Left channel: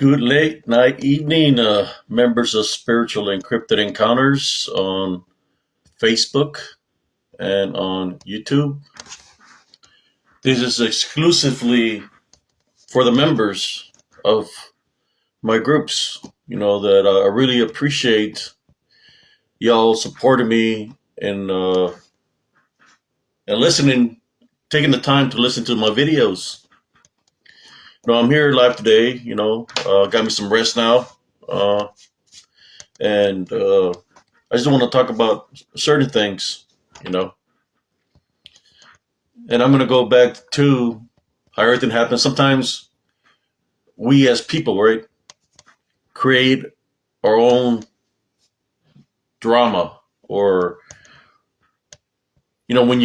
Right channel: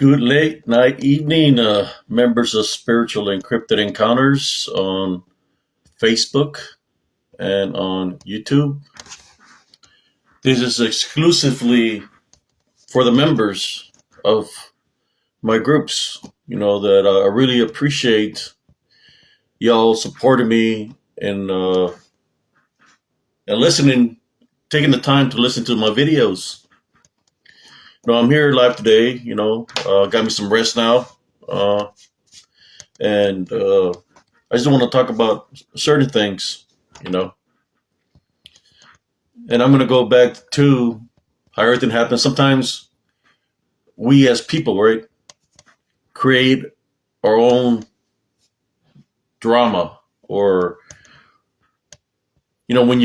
Good late night evening, members of Spiritual Encrypted Encounters on Facebook and on YouTube. This is exclusively for the members of my groups. That I really appreciate y'all supporting me and listening, taking the time to listen to my videos. I'm here live today. Got me some rest now, and I just want to talk about certain things. You know, and I'm going to go back to how everything happens. Sometimes we as people, right, create our own drama, or when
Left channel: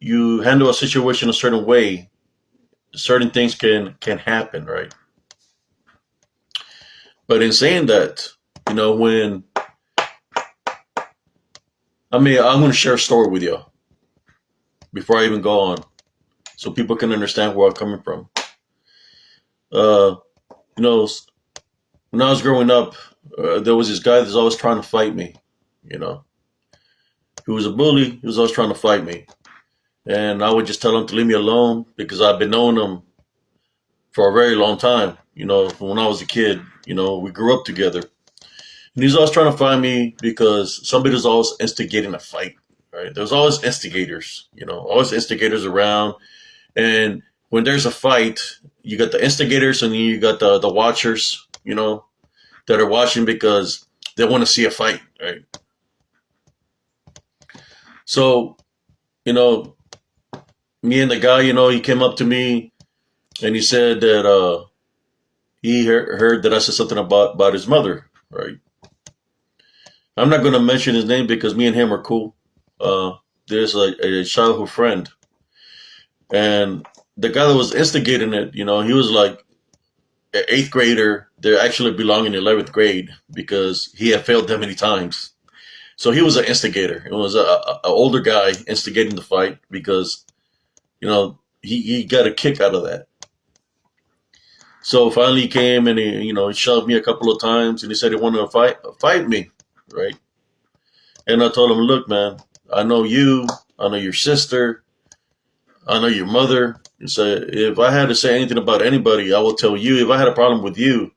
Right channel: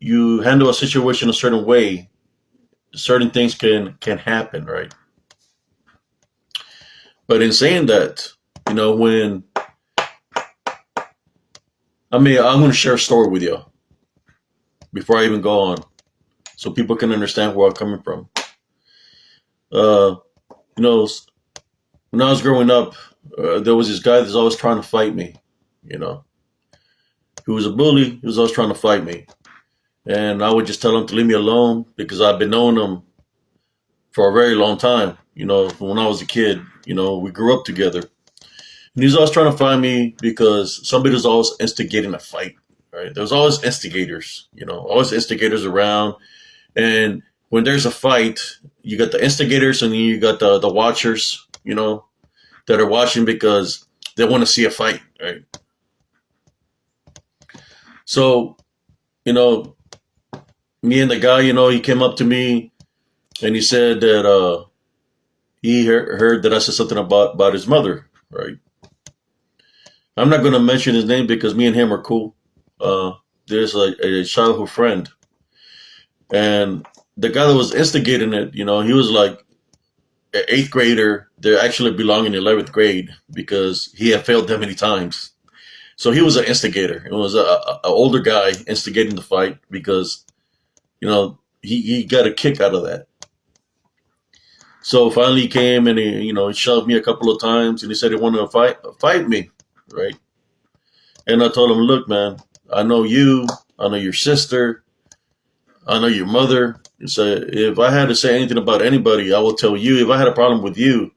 you handle a situation a certain way, certain things can happen, right? But in saying that, when I'm going to share a story with you before I even go on, so people can understand where I'm coming from. When I was growing up, there was this guy that was always trying to fight me. He was a bully. He was always trying to fight me, and I would just tell him to leave me alone because I've been knowing him for a very long time. From when I was a kid. We grew up together. And he's always trying to find me because somebody was always instigating a fight, right? There's always instigators, always instigators around. And when there's a fight, you got the instigators and then you got the watchers, that are watching because they want to see a fight, right? So, me and the guy, he came up to me and he said that he heard that I said something about his mother, right? I'm not going to mention his name because me and him are cool. There's a childhood friend. And the guy that was instigating it, he was like an eighth grader that actually belonged in 11th grade because he had failed that many times. So he was an instigator. It was an older guy instigating the fight because, he got a kick out of that. So finally he came and he shoved me a couple of times and he said he wanted to fight me, right? And I told him, look, man, I know you, I know your sister, I know your mother. And so if I had to say anything about anybody, I will tell you. If I had a problem with you,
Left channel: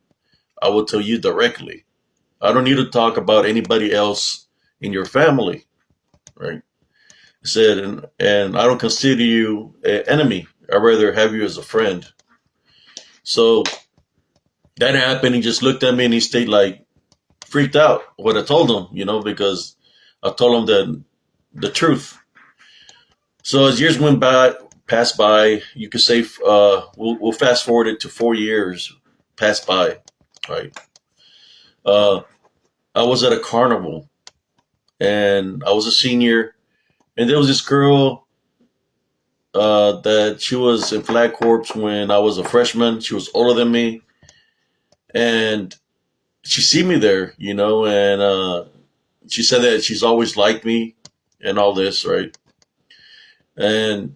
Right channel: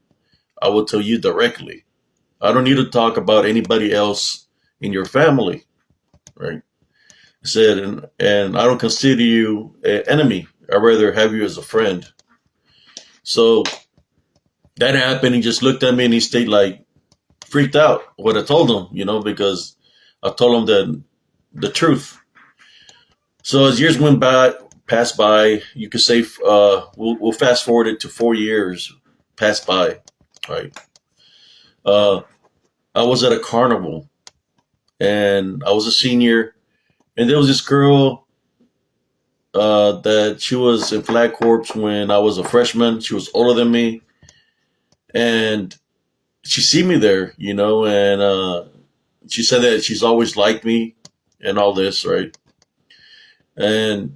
I will tell you directly. I don't need to talk about anybody else in your family, right? I said, and I don't consider you an enemy. I'd rather have you as a friend. So that happened. He just looked at me and he stayed like freaked out what I told him, because I told him the truth. So as years passed by, you could say we'll fast forward it to 4 years passed by, right? I was at a carnival and I was a senior, and there was this girl that she was in Flag Corps when I was a freshman. She was older than me, and she see me there, and she said that she's always liked me and all this, right? And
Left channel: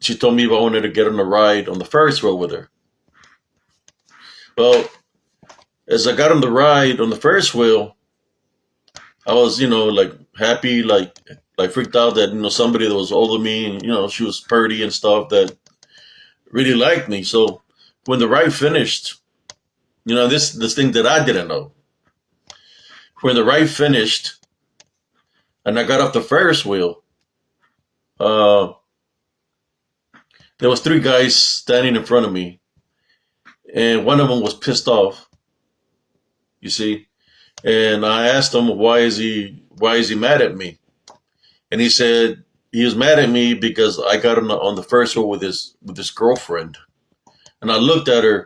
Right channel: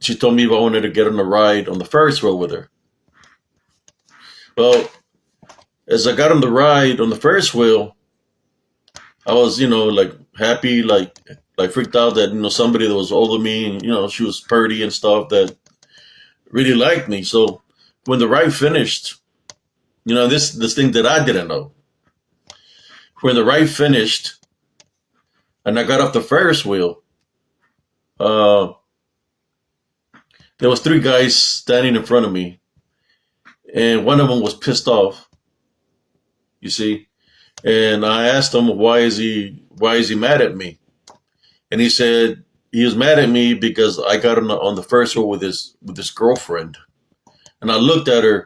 she told me if I wanted to get on a ride on the Ferris wheel with her. Well, as I got on the ride on the Ferris wheel, I was, like happy, like freaked out that, somebody that was older than me and, she was pretty and stuff that really liked me. So when the ride finished, this thing that I didn't know. When the ride finished and I got off the Ferris wheel, there was 3 guys standing in front of me, and one of them was pissed off. You see, and I asked him why is he mad at me, and he said he was mad at me because I got on the Ferris wheel with his girlfriend, and I looked at her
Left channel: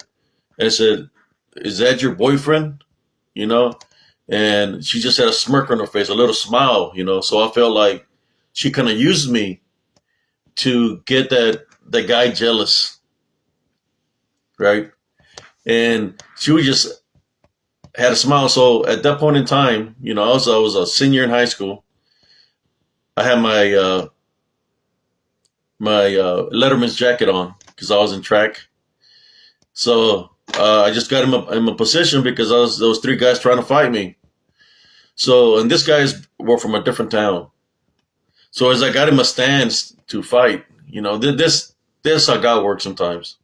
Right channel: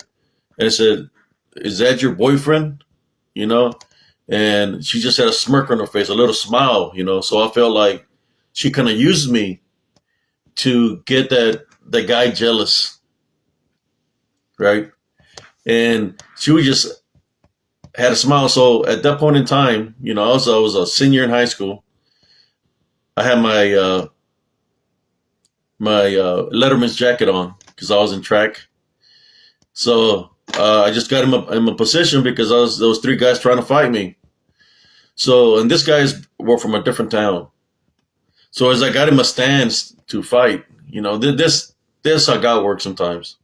and said, "Is that your boyfriend?" And she just had a smirk on her face, a little smile, So I felt like she kind of used me to get that guy jealous, right? And she would just had a smile. So at that point in time, I was a senior in high school. I had my Letterman's jacket on because I was in track. So I just got him in my position because there was three guys trying to fight me. So, and this guys were from a different town. So as I got him a stance to fight, this how God works sometimes.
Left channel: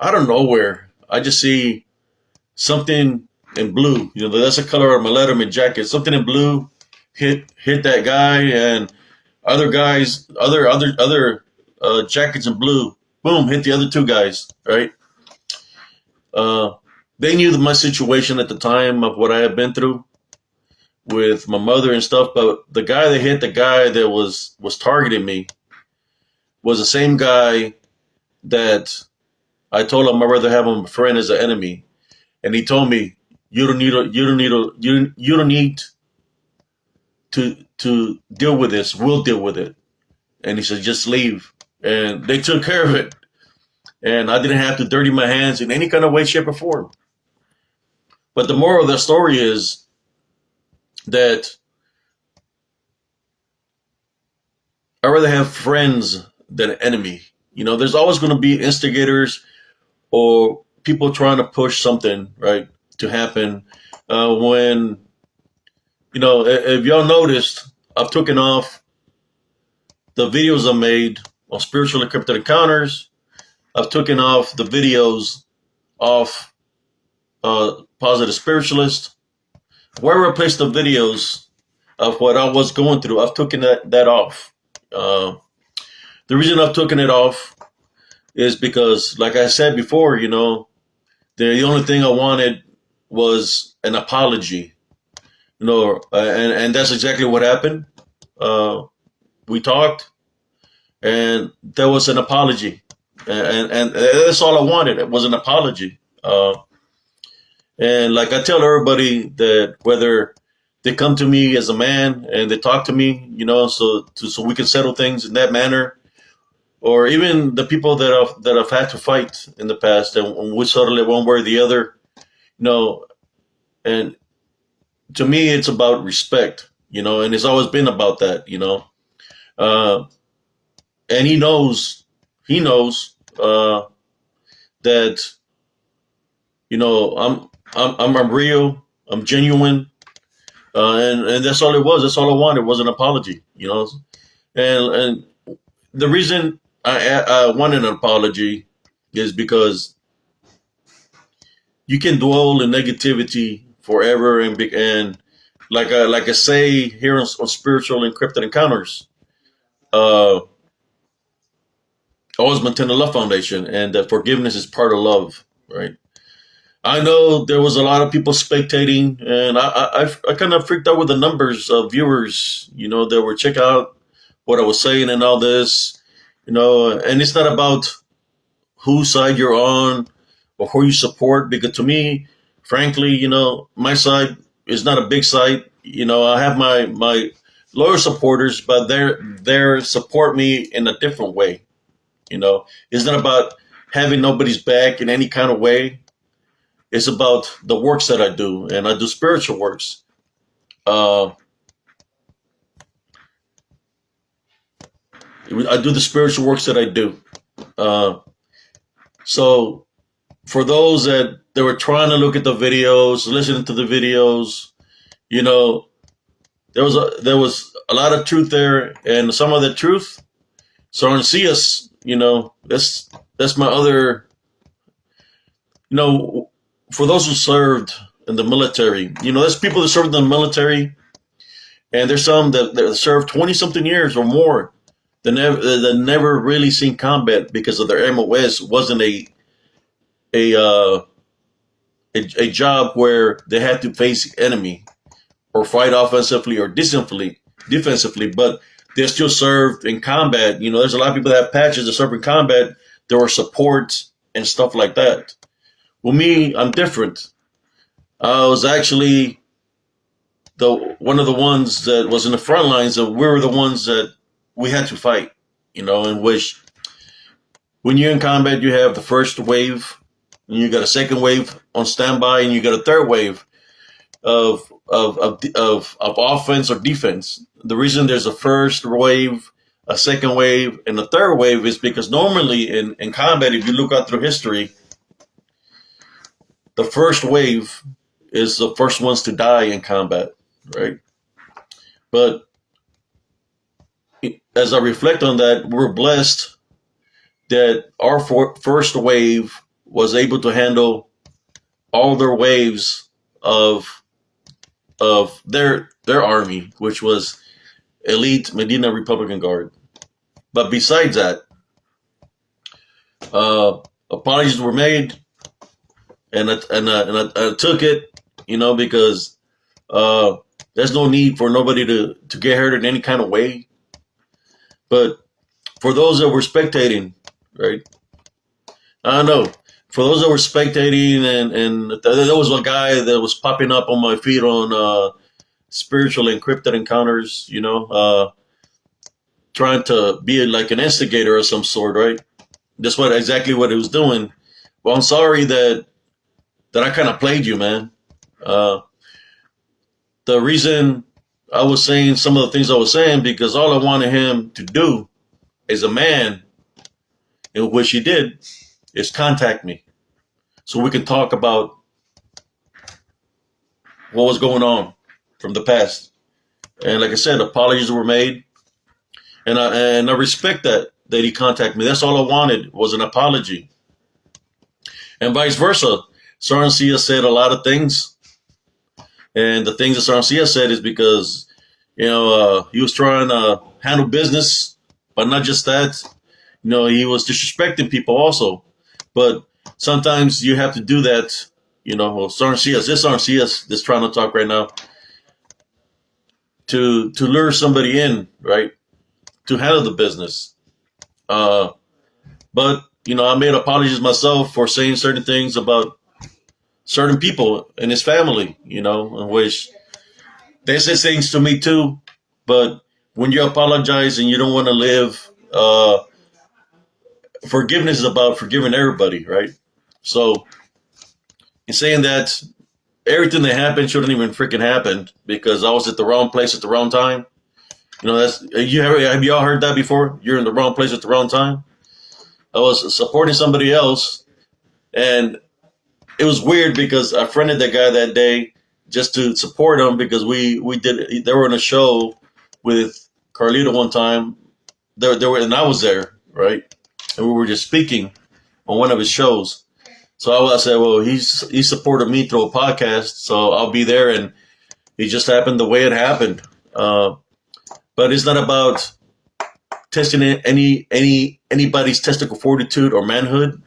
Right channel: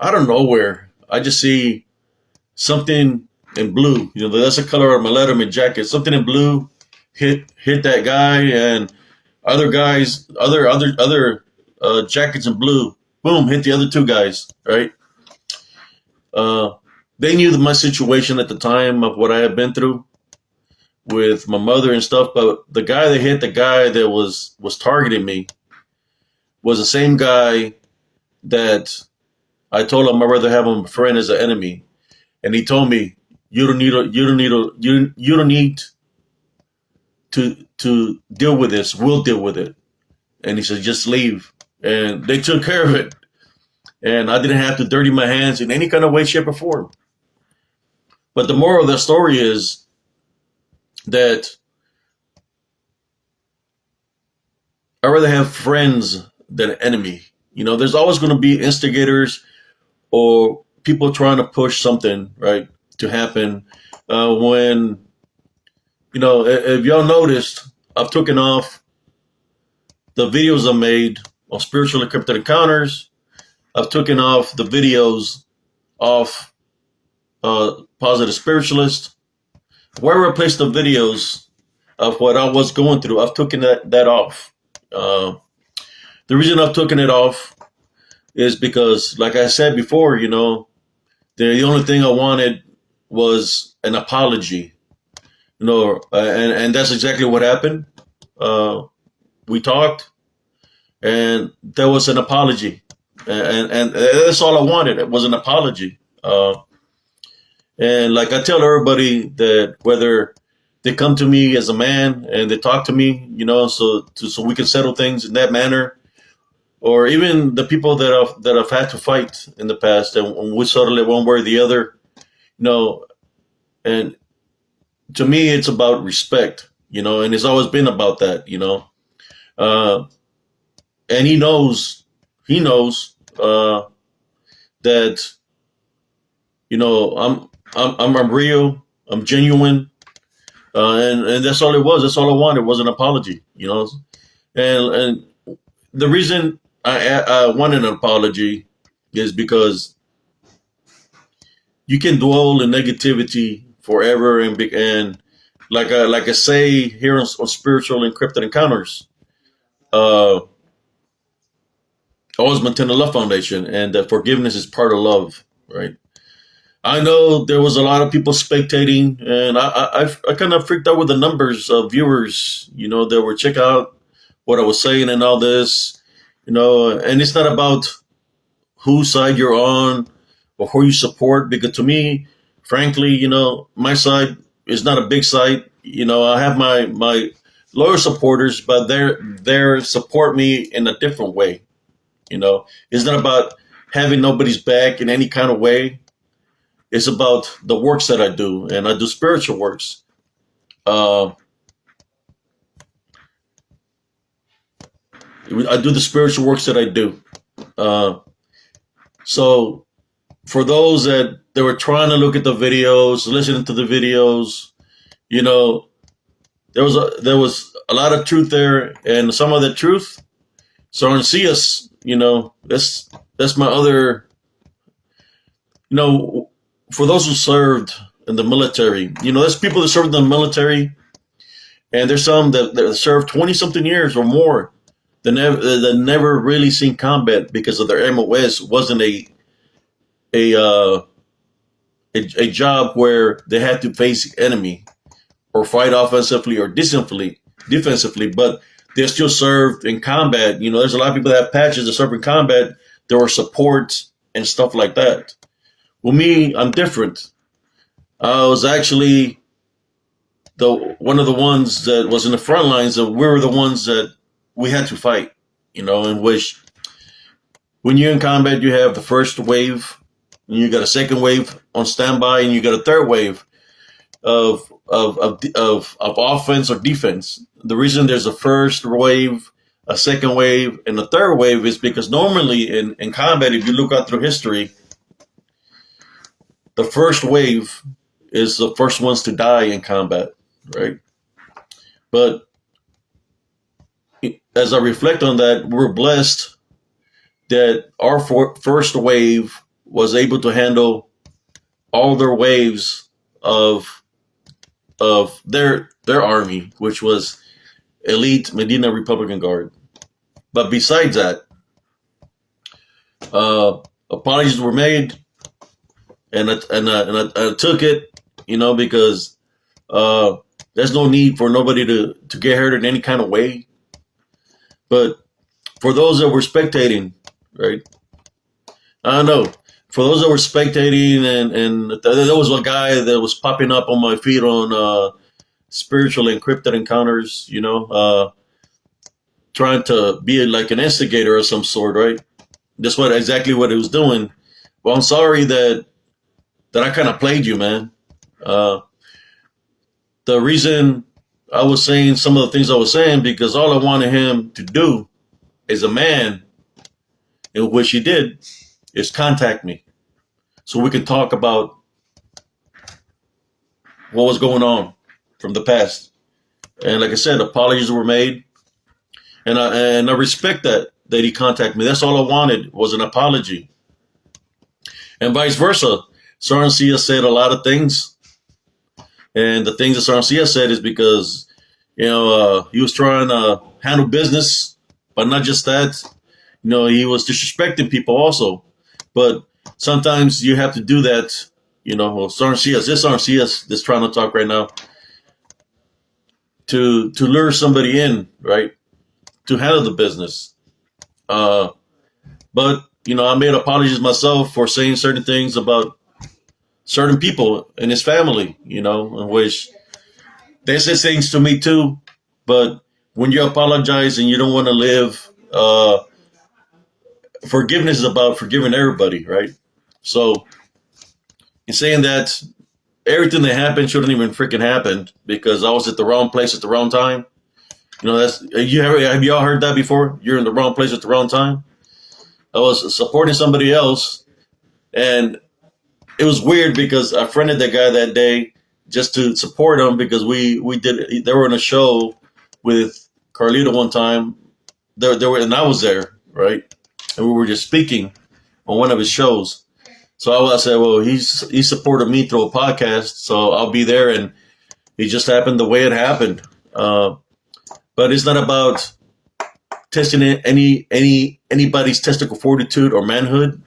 Out of nowhere, I just see something in blue. That's the color of my Letterman jacket. Something in blue hit that guy, and other guys, other jackets in blue, boom, hit the other two guys. Right? They knew my situation at the time of what I had been through with my mother and stuff. But the guy that hit the guy that was targeting me was the same guy that I told him I'd rather have him a friend as an enemy. And he told me, you don't need to deal with this. We'll deal with it. And he said, just leave. And they took care of it. And I didn't have to dirty my hands in any kind of way, shape, or form. But the moral of the story is that I'd rather have friends than an enemy. There's always going to be instigators or people trying to push something, right, to happen. When, if y'all noticed, I've taken off the videos I made on Spiritual Encrypted Encounters. I've taken off the videos off Positive Spiritualist. Where I placed the videos of what I was going through, I've taken that off. The reason I've taken it off is because, like I said before, the only thing I wanted was an apology, and that's exactly what happened. We talked, and there was an apology, and that's all I wanted. It was an apology. And like I tell everybody that whether they come to me as a man and they talk to me, so we can settle things in that manner, or even the people that I've had to fight in the past and we settle it one way or the other, and to me it's about respect, and it's always been about that, and he knows that, I'm real, I'm genuine, and that's all it was. That's all I wanted was an apology, and the reason I wanted an apology is because you can dwell in negativity forever, and like I say here on Spiritual Encrypted Encounters, always maintain the Love Foundation, and that forgiveness is part of love, right? I know there was a lot of people spectating, and I kind of freaked out with the numbers of viewers, that were checking out what I was saying and all this, and it's not about whose side you're on or who you support, because to me, frankly, my side is not a big side. I have my loyal supporters, but they support me in a different way. It's not about having nobody's back in any kind of way. It's about the works that I do, and I do spiritual works. I do the spiritual works that I do. So for those that they were trying to look at the videos, listening to the videos, there was a lot of truth there, and some of the truth. So Arceus, that's my other, for those who served in the military, there's people that served in the military, and there's some that served 20-something years or more that never really seen combat because of their MOS wasn't a job where they had to face enemy or fight offensively or defensively, but they still served in combat. There's a lot of people that have patches that serve in combat. There were supports and stuff like that. Well, me, I'm different. I was actually one of the ones that was in the front lines. Of we were the ones that we had to fight. In which when you're in combat, you have the first wave, and you got a second wave on standby, and you got a third wave of offense or defense. The reason there's a first wave, a second wave, and a third wave is because normally in combat, if you look out through history, the first wave is the first ones to die in combat, right? But as I reflect on that, we're blessed that our first wave was able to handle all their waves of their army, which was elite Medina Republican Guard. But besides that, apologies were made, and I took it, because there's no need for nobody to get hurt in any kind of way. But for those that were spectating, right? I don't know. For those that were spectating, and there was a guy that was popping up on my feed on spiritual encrypted encounters, trying to be like an instigator of some sort, right? That's exactly what he was doing. Well, I'm sorry that I kind of played you, man. The reason I was saying some of the things I was saying, because all I wanted him to do as a man, in which he did, is contact me so we can talk about what was going on from the past. And like I said, apologies were made, and I respect that he contacted me. That's all I wanted, was an apology. And vice versa. Sarncia said a lot of things, and the things that Sarncia said is because he was trying to handle business, but not just that. He was disrespecting people also. But sometimes you have to do that. Sarncia, this Sarncia that's trying to talk right now, to lure somebody in, right, to handle the business. But I made apologies myself for saying certain things about certain people in his family, in which they say things to me too. But when you apologize and you don't want to live, forgiveness is about forgiving everybody, right? So in saying that, everything that happened shouldn't even freaking happen, because I was at the wrong place at the wrong time. Have y'all heard that before? You're in the wrong place at the wrong time. I was supporting somebody else, and it was weird because I friended that guy that day just to support him, because they were in a show with Carlito one time. And I was there, right? And we were just speaking on one of his shows. So I said, well, he supported me through a podcast, so I'll be there, and it just happened the way it happened. But it's not about testing anybody's testicle fortitude or manhood.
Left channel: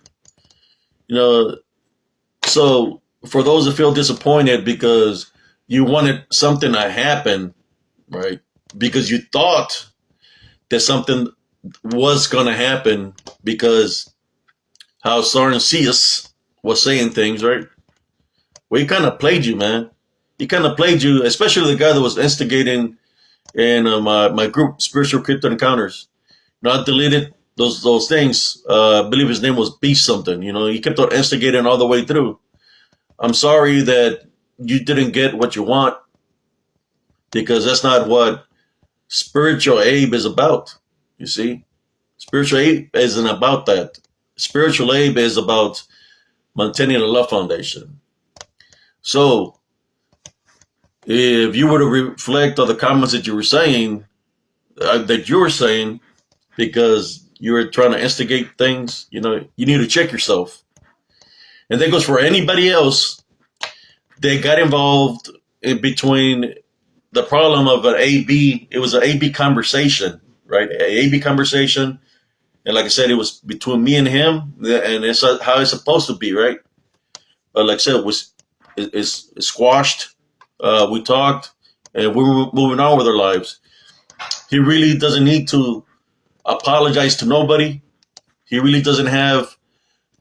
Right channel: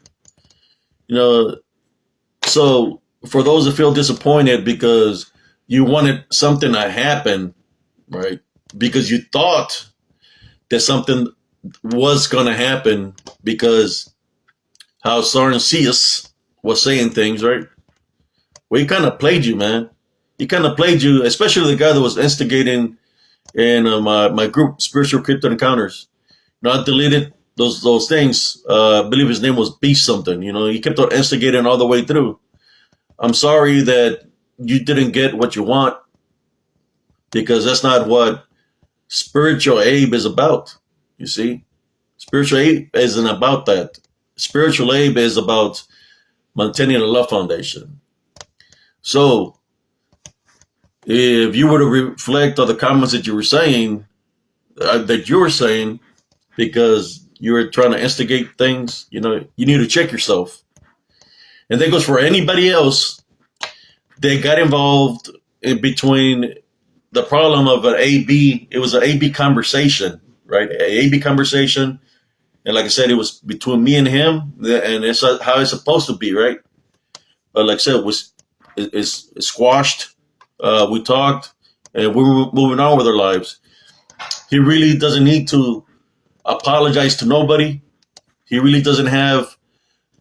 So for those that feel disappointed because you wanted something to happen, right? Because you thought that something was going to happen, because how Sarncius was saying things, right? Well, he kind of played you, man. He kind of played you, especially the guy that was instigating in my group, Spiritual Crypto Encounters. I deleted those things. I believe his name was Beast something. He kept on instigating all the way through. I'm sorry that you didn't get what you want, because that's not what Spiritual Abe is about. You see, Spiritual Abe isn't about that. Spiritual Abe is about maintaining the Love Foundation. So if you were to reflect on the comments that you were saying, because you were trying to instigate things, you need to check yourself. And that goes for anybody else. They got involved in between the problem of an AB. It was an AB conversation, right? An AB conversation. And like I said, it was between me and him, and it's how it's supposed to be, right? But like I said, it's squashed. We talked, and we were moving on with our lives. He really doesn't need to apologize to nobody. He really doesn't have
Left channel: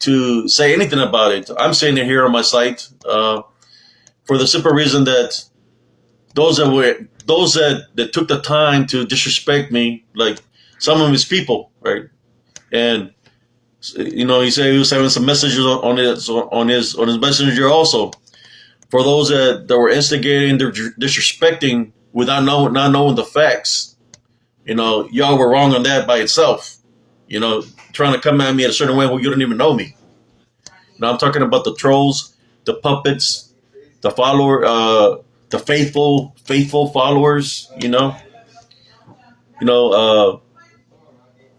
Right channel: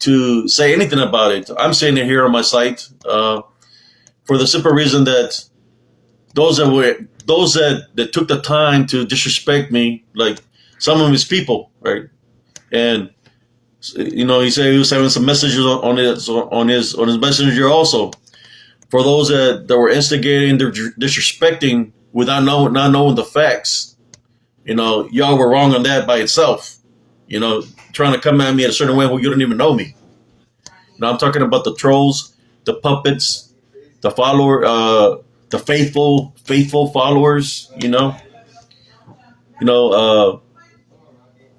to say anything about it. I'm saying it here on my site for the simple reason that those that took the time to disrespect me, like some of his people, right? And he said he was sending some messages on his messenger also. For those that were instigating, disrespecting without not knowing the facts, y'all were wrong on that by itself. Trying to come at me in a certain way where you don't even know me. I'm talking about the trolls the puppets, the the faithful followers.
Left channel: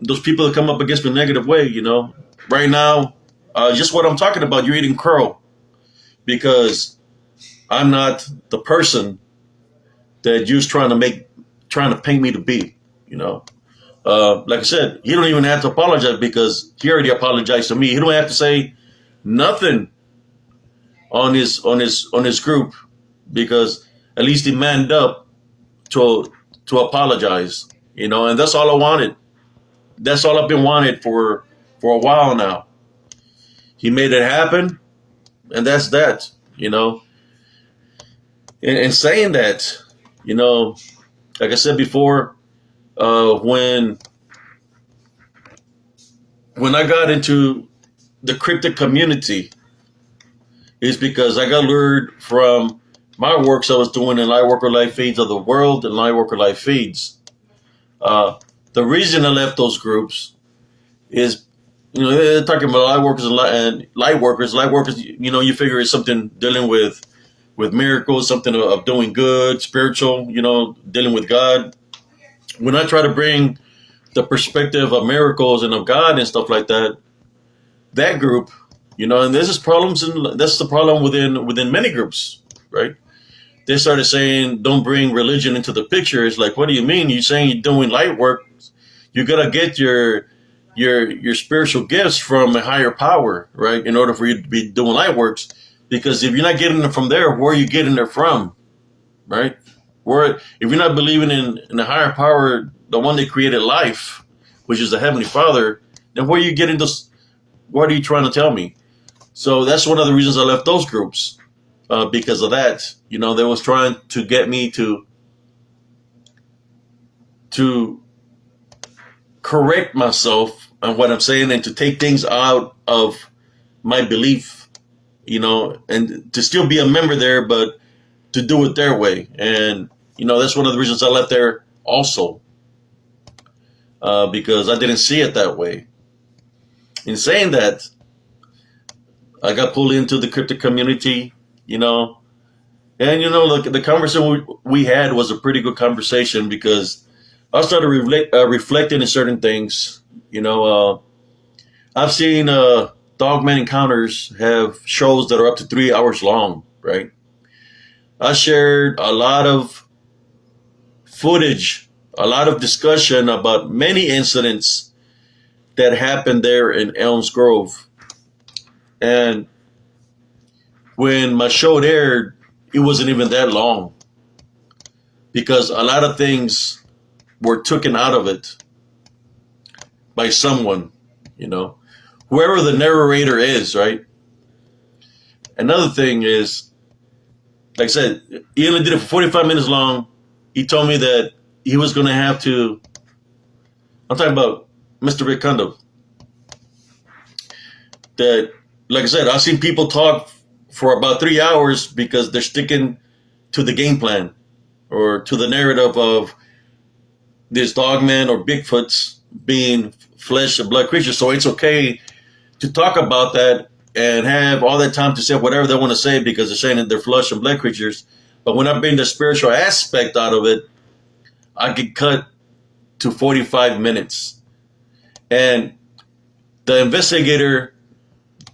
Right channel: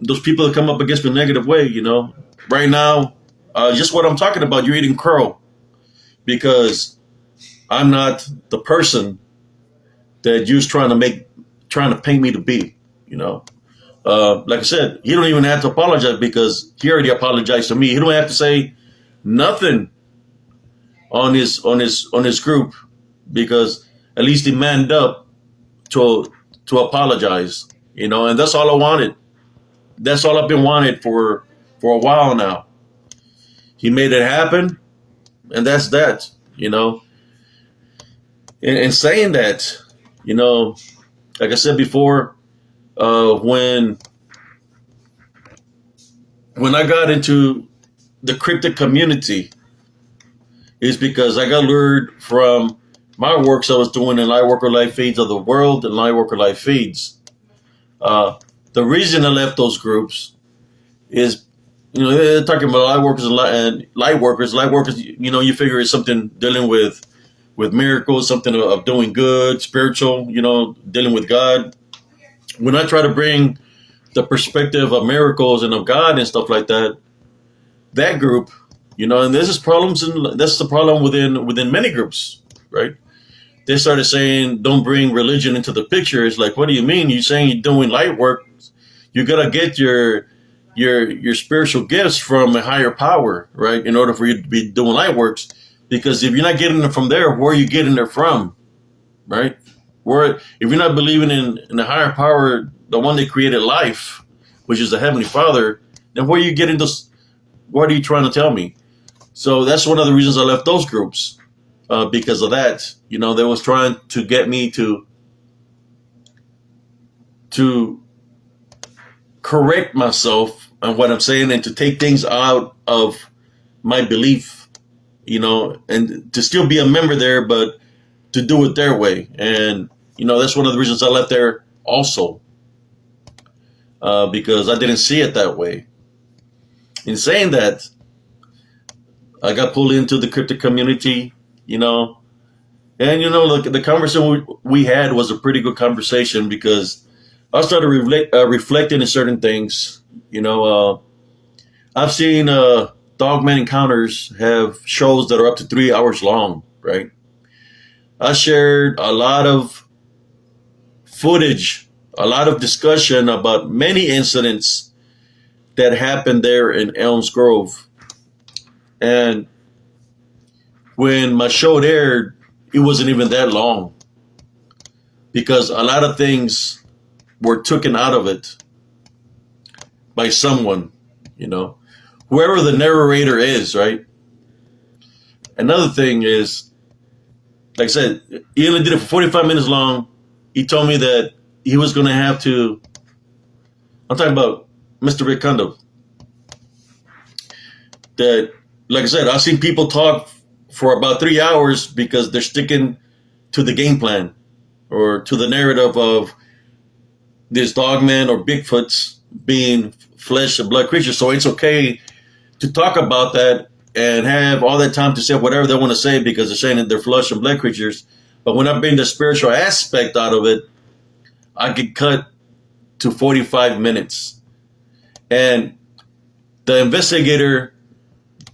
Those people that come up against me in a negative way. Right now, just what I'm talking about. You're eating crow because I'm not the person that you're trying to paint me to be. Like I said, he don't even have to apologize because he already apologized to me. He don't have to say nothing on his group because at least he manned up to apologize. And that's all I wanted. That's all I've been wanted for a while now. He made it happen, and that's that. In saying that, like I said before, when I got into the cryptic community, is because I got lured from my works I was doing in Lightworker Live Feeds of the World and Lightworker Live Feeds. The reason I left those groups is, they're talking about and Lightworkers. Lightworkers, you figure it's something dealing with miracles, something of doing good, spiritual, dealing with God. When I try to bring the perspective of miracles and of God and stuff like that, that group, and there's problems, and that's the problem within many groups, right? They started saying, don't bring religion into the picture. It's like, what do you mean? You're saying you're doing light work. You got to get your spiritual gifts from a higher power, right? In order for you to be doing light works. Because if you're not getting them from there, where are you getting it from, right? If you're not believing in the higher power, the one that created life, which is the Heavenly Father, then where are you getting this? What are you trying to tell me? So that's one of the reasons I left those groups, because of that. They was trying to get me to correct myself on what I'm saying and to take things out of my belief, and to still be a member there, but to do it their way. And, that's one of the reasons I left there also, because I didn't see it that way. In saying that, I got pulled into the cryptic community, and, look, the conversation we had was a pretty good conversation because I started reflecting on certain things. I've seen Dogman Encounters have shows that are up to 3 hours long, right? I shared a lot of footage, a lot of discussion about many incidents that happened there in Elms Grove. And when my show aired, it wasn't even that long because a lot of things were taken out of it by someone, whoever the narrator is, right? Another thing is, like I said, he only did it for 45 minutes long. He told me that he was going to have to, I'm talking about Mr. Rick Kondo, that, like I said, I've seen people talk for about 3 hours because they're sticking to the game plan or to the narrative of this dogman or Bigfoots being flesh and blood creatures. So it's okay to talk about that and have all that time to say whatever they want to say because they're saying that they're flesh and blood creatures. But when I bring the spiritual aspect out of it, I get cut to 45 minutes. And the investigator,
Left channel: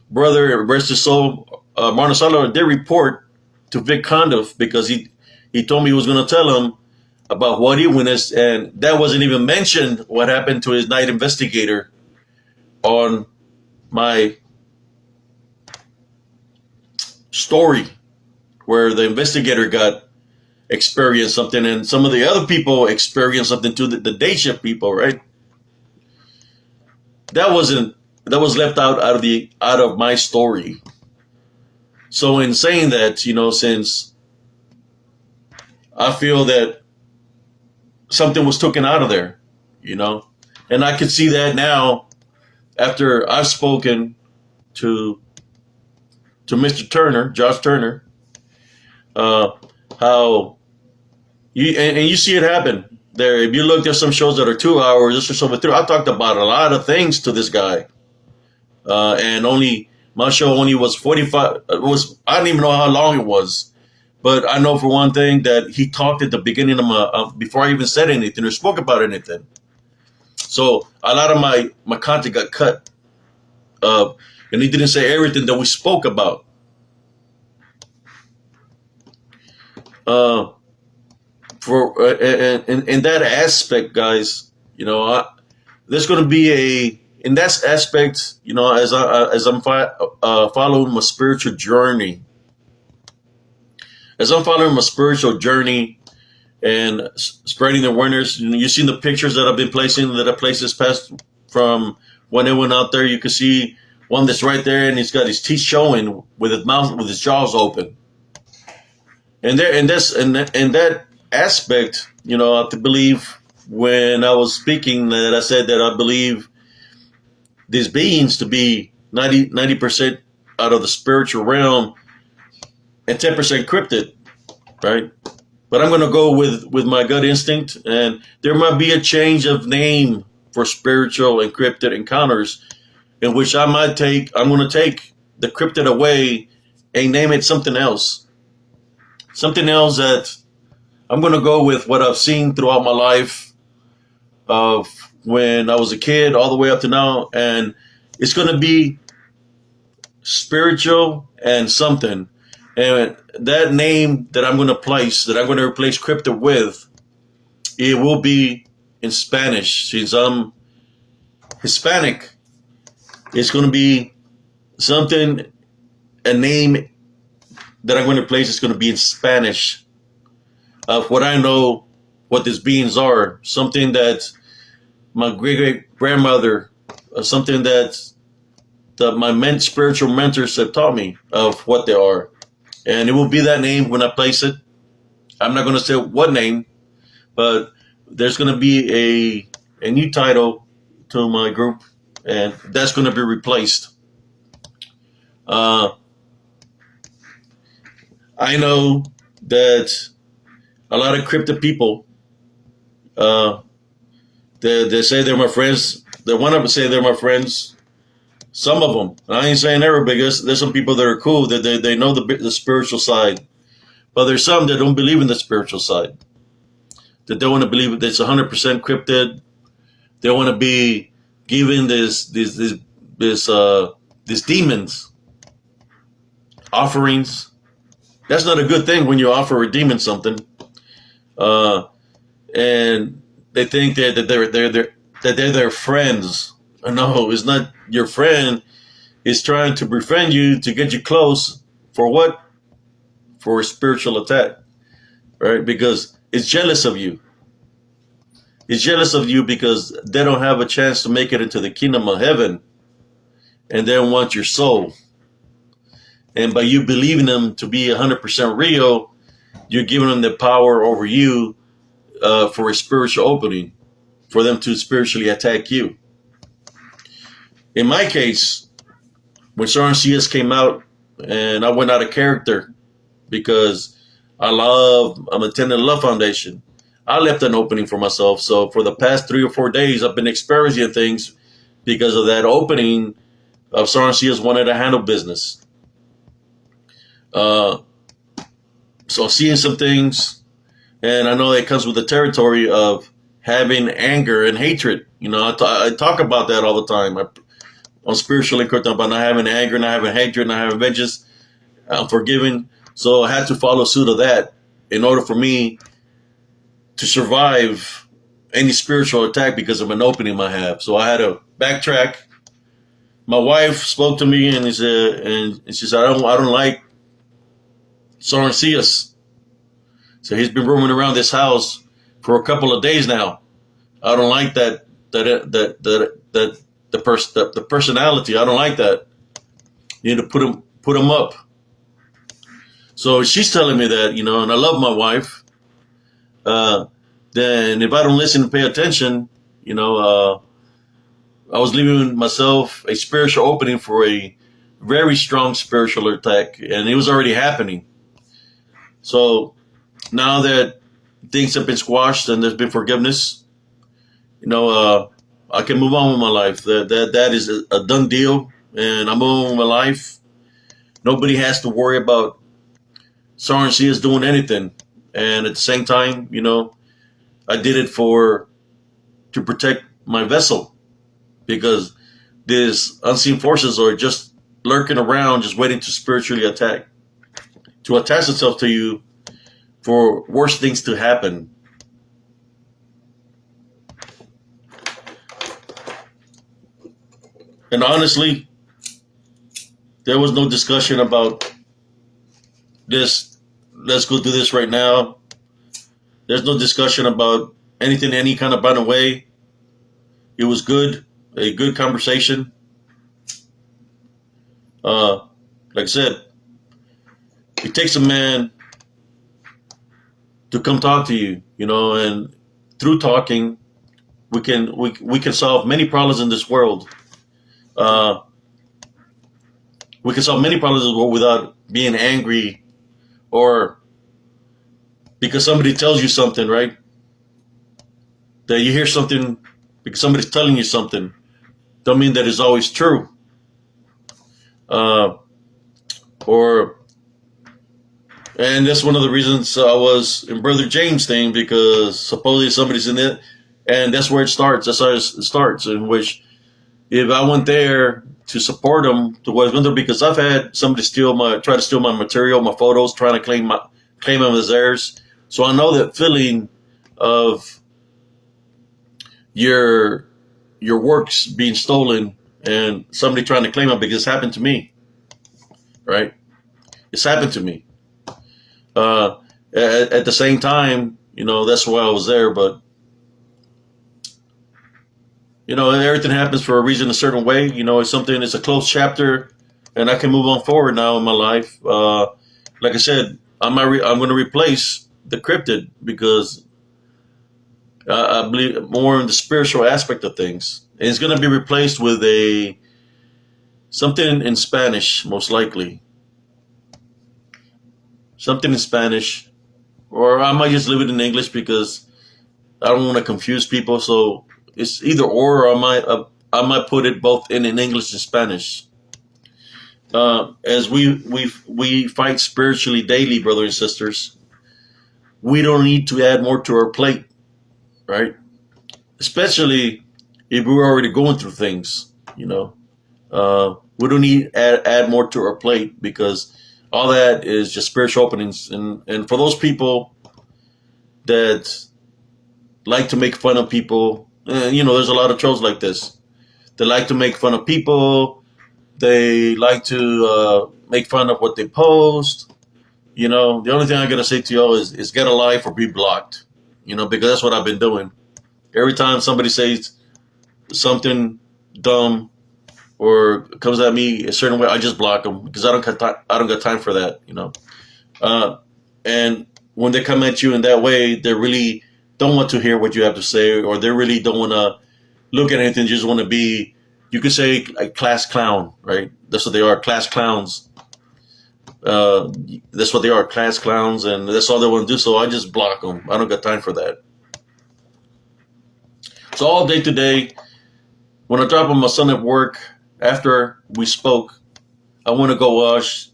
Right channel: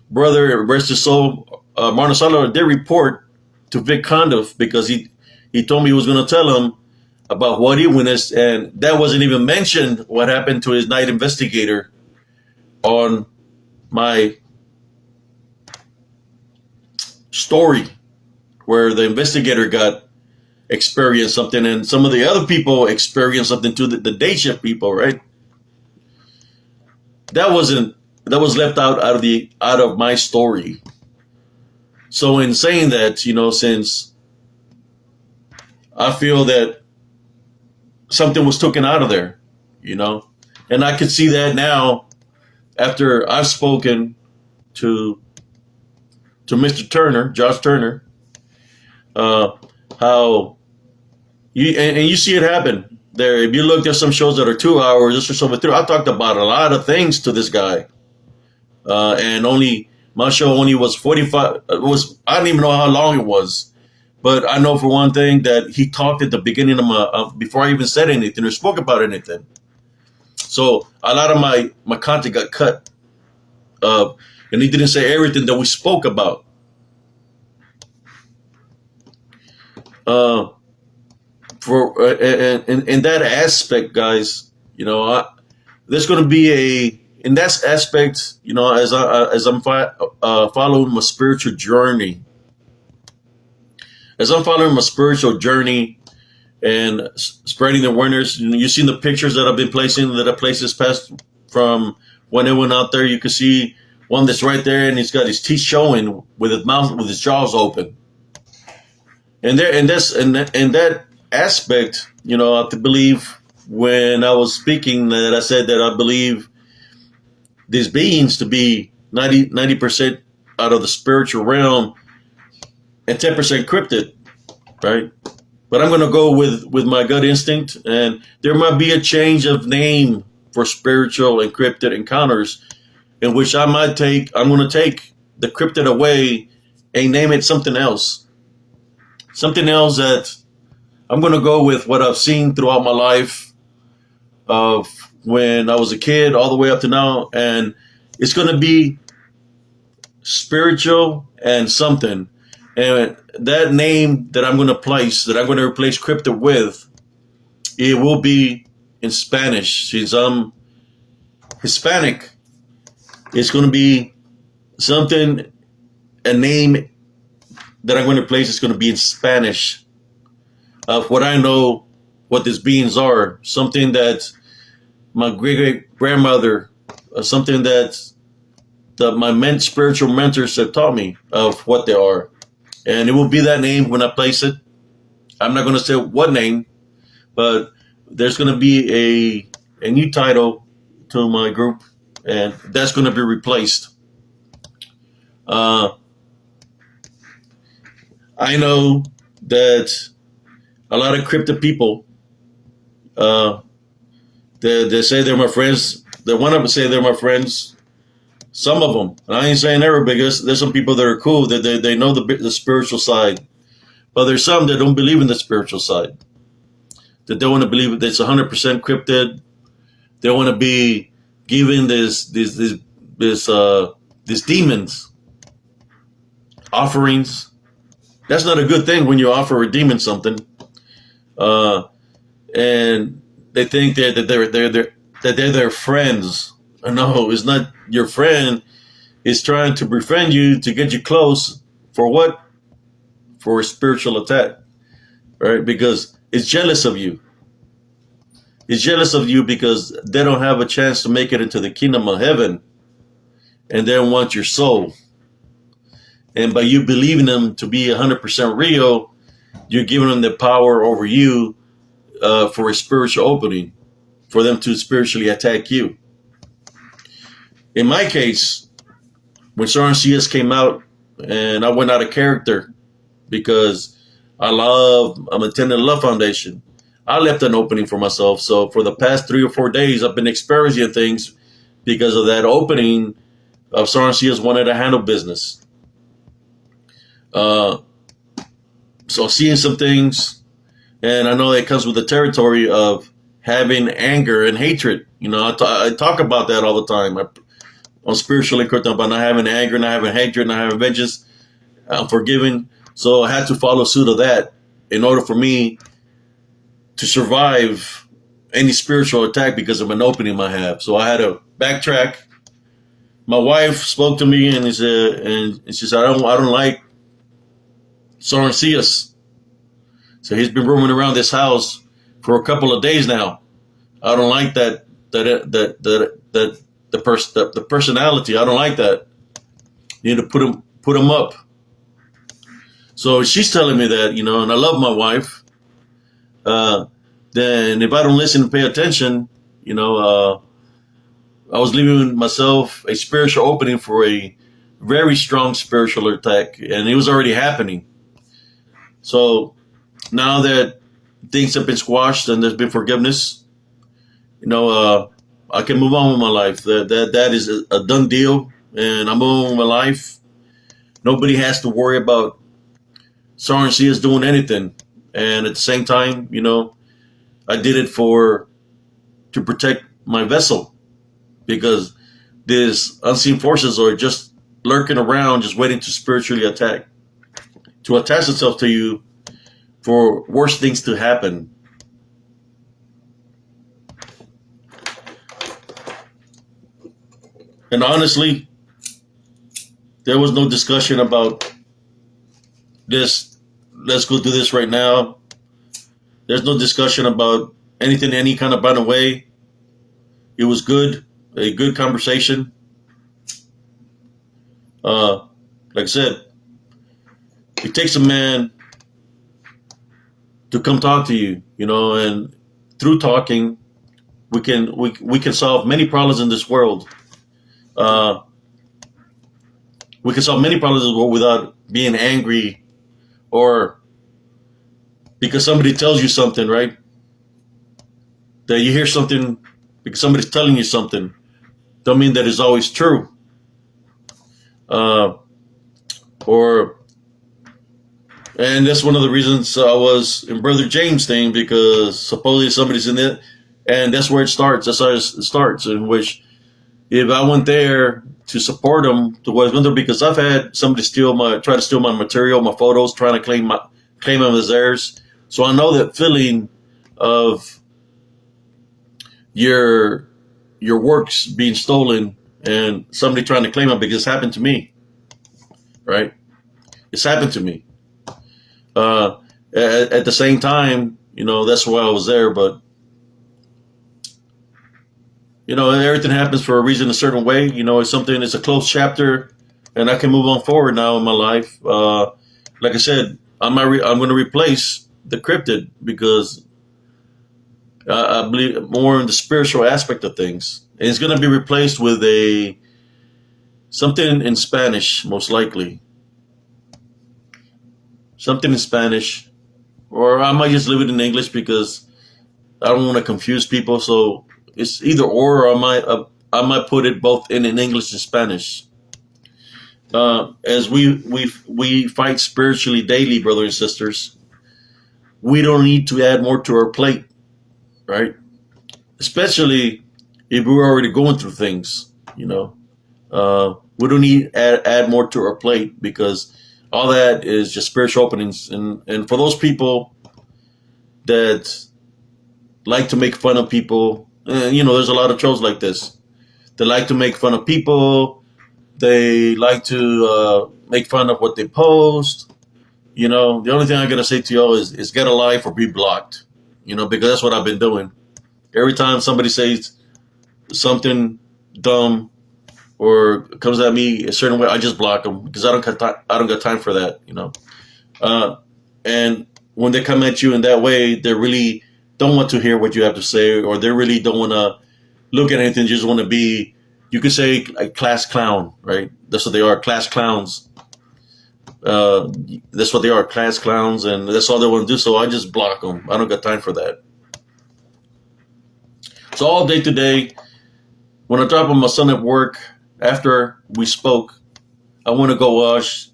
brother, rest his soul, Martin Salo, did report to Vic Condiff because he told me he was going to tell him about what he witnessed, and that wasn't even mentioned what happened to his night investigator on my story, where the investigator got experienced something and some of the other people experienced something too, the day shift people, right? That was left out of my story. So in saying that, since I feel that something was taken out of there, and I can see that now after I've spoken to Mr. Turner, Josh Turner, how you see it happen there. If you look, there's some shows that are 2 hours, this is over 3. I talked about a lot of things to this guy, and only My show only was 45. It was, I don't even know how long it was, but I know for one thing that he talked at the beginning of my before I even said anything or spoke about anything. So a lot of my content got cut, and he didn't say everything that we spoke about. Uh, for in that aspect, guys, there's going to be in that aspect, as I'm following my spiritual journey, and spreading the awareness. You've seen the pictures that I've been placing that I placed this past from when it went out there. You can see one that's right there, and he's got his teeth showing with his jaws open. And there, and this, and that aspect, I have to believe when I was speaking that I said that I believe these beings to be 90% out of the spiritual realm and 10% cryptid, right? But I'm going to go with my gut instinct, and there might be a change of name for spiritual and cryptid encounters, in which I'm going to take the cryptid away and name it something else. Something else that I'm going to go with what I've seen throughout my life of when I was a kid all the way up to now. And it's going to be spiritual and something. And that name that I'm going to place, that I'm going to replace cryptid with, it will be in Spanish. Since I'm Hispanic, it's going to be something, a name that I'm going to place is going to be in Spanish. Of what I know, what these beings are, something that my great grandmother, something that my spiritual mentors have taught me of what they are, and it will be that name when I place it. I'm not going to say what name, but there's going to be a new title to my group, and that's going to be replaced. I know that a lot of crypto people, they say they're my friends. They want to say they're my friends. Some of them. I ain't saying everybody, because there's some people that are cool. They know the spiritual side. But there's some that don't believe in the spiritual side. That don't want to believe that it's 100% cryptid. They want to be giving these demons offerings. That's not a good thing when you offer a demon something, and they think that they're their friends. No, it's not your friend. It's trying to befriend you to get you close. For what? For a spiritual attack, right? Because it's jealous of you. It's jealous of you because they don't have a chance to make it into the kingdom of heaven, and they want your soul. And by you believing them to be 100% real, you're giving them the power over you for a spiritual opening, for them to spiritually attack you. In my case, when Soren CS came out, and I went out of character because I'm attending Love Foundation. I left an opening for myself. So for the past 3 or 4 days, I've been experiencing things because of that opening of Soren CS wanted to handle business. So seeing some things, and I know that comes with the territory of having anger and hatred. I talk about that all the time. I'm spiritually correct about not having anger, not having hatred, not having vengeance. I'm forgiving. So I had to follow suit of that in order for me to survive any spiritual attack because of an opening I have. So I had to backtrack. My wife spoke to me and she said, I don't like Soren CS. So he's been roaming around this house for a couple of days now. I don't like the personality. I don't like that. You need to put him up. So she's telling me that, and I love my wife. Then if I don't listen and pay attention, I was leaving myself a spiritual opening for a very strong spiritual attack, and it was already happening. So now that things have been squashed and there's been forgiveness, I can move on with my life. That is a done deal. and I'm on my life. Nobody has to worry about Sovereignty is doing anything. And at the same time, I did it to protect my vessel, because these unseen forces are just lurking around, just waiting to spiritually attack, to attach itself to you for worse things to happen. And honestly, there was no discussion about this. Let's go do this right now. There's no discussion about anything, any kind of way. It was good, a good conversation. Like I said, it takes a man to come talk to you, and through talking, we can solve many problems in this world. We can solve many problems in this world without being angry, or because somebody tells you something, right? That you hear something because somebody's telling you something, don't mean that it's always true. And that's one of the reasons I was in Brother James' thing, because supposedly somebody's in it, and that's where it starts. That's how it starts. In which, if I went there to support them, to what it's going to do, because I've had somebody try to steal my material, my photos, trying to claim them as theirs. So I know that feeling of your works being stolen and somebody trying to claim them, because it's happened to me, right? It's happened to me. At the same time, that's why I was there, but everything happens for a reason, a certain way. It's a closed chapter, and I can move on forward now in my life. Like I said, I'm going to replace the cryptid, because I believe more in the spiritual aspect of things. And it's going to be replaced with something in Spanish, most likely. Something in Spanish, or I might just leave it in English, because I don't want to confuse people. So it's either or I might put it both in English and Spanish. As we fight spiritually daily, brothers and sisters, we don't need to add more to our plate, right? Especially if we're already going through things, we don't need to add more to our plate, because all that is just spiritual openings. And for those people that like to make fun of people, there's a lot of trolls like this. They like to make fun of people. They like to make fun of what they post. The only thing I got to say to y'all is get a life or be blocked, because that's what I've been doing. Every time somebody says something dumb or comes at me a certain way, I just block them, because I don't got time for that, And when they come at you in that way, they really don't want to hear what you have to say, or they really don't want to look at anything. Just want to be, you could say, a class clown, right? That's what they are, class clowns. That's what they are, class clowns, and that's all they want to do. So I just block them. I don't got time for that. So all day today, when I drop on my son at work, after we spoke, I want to go watch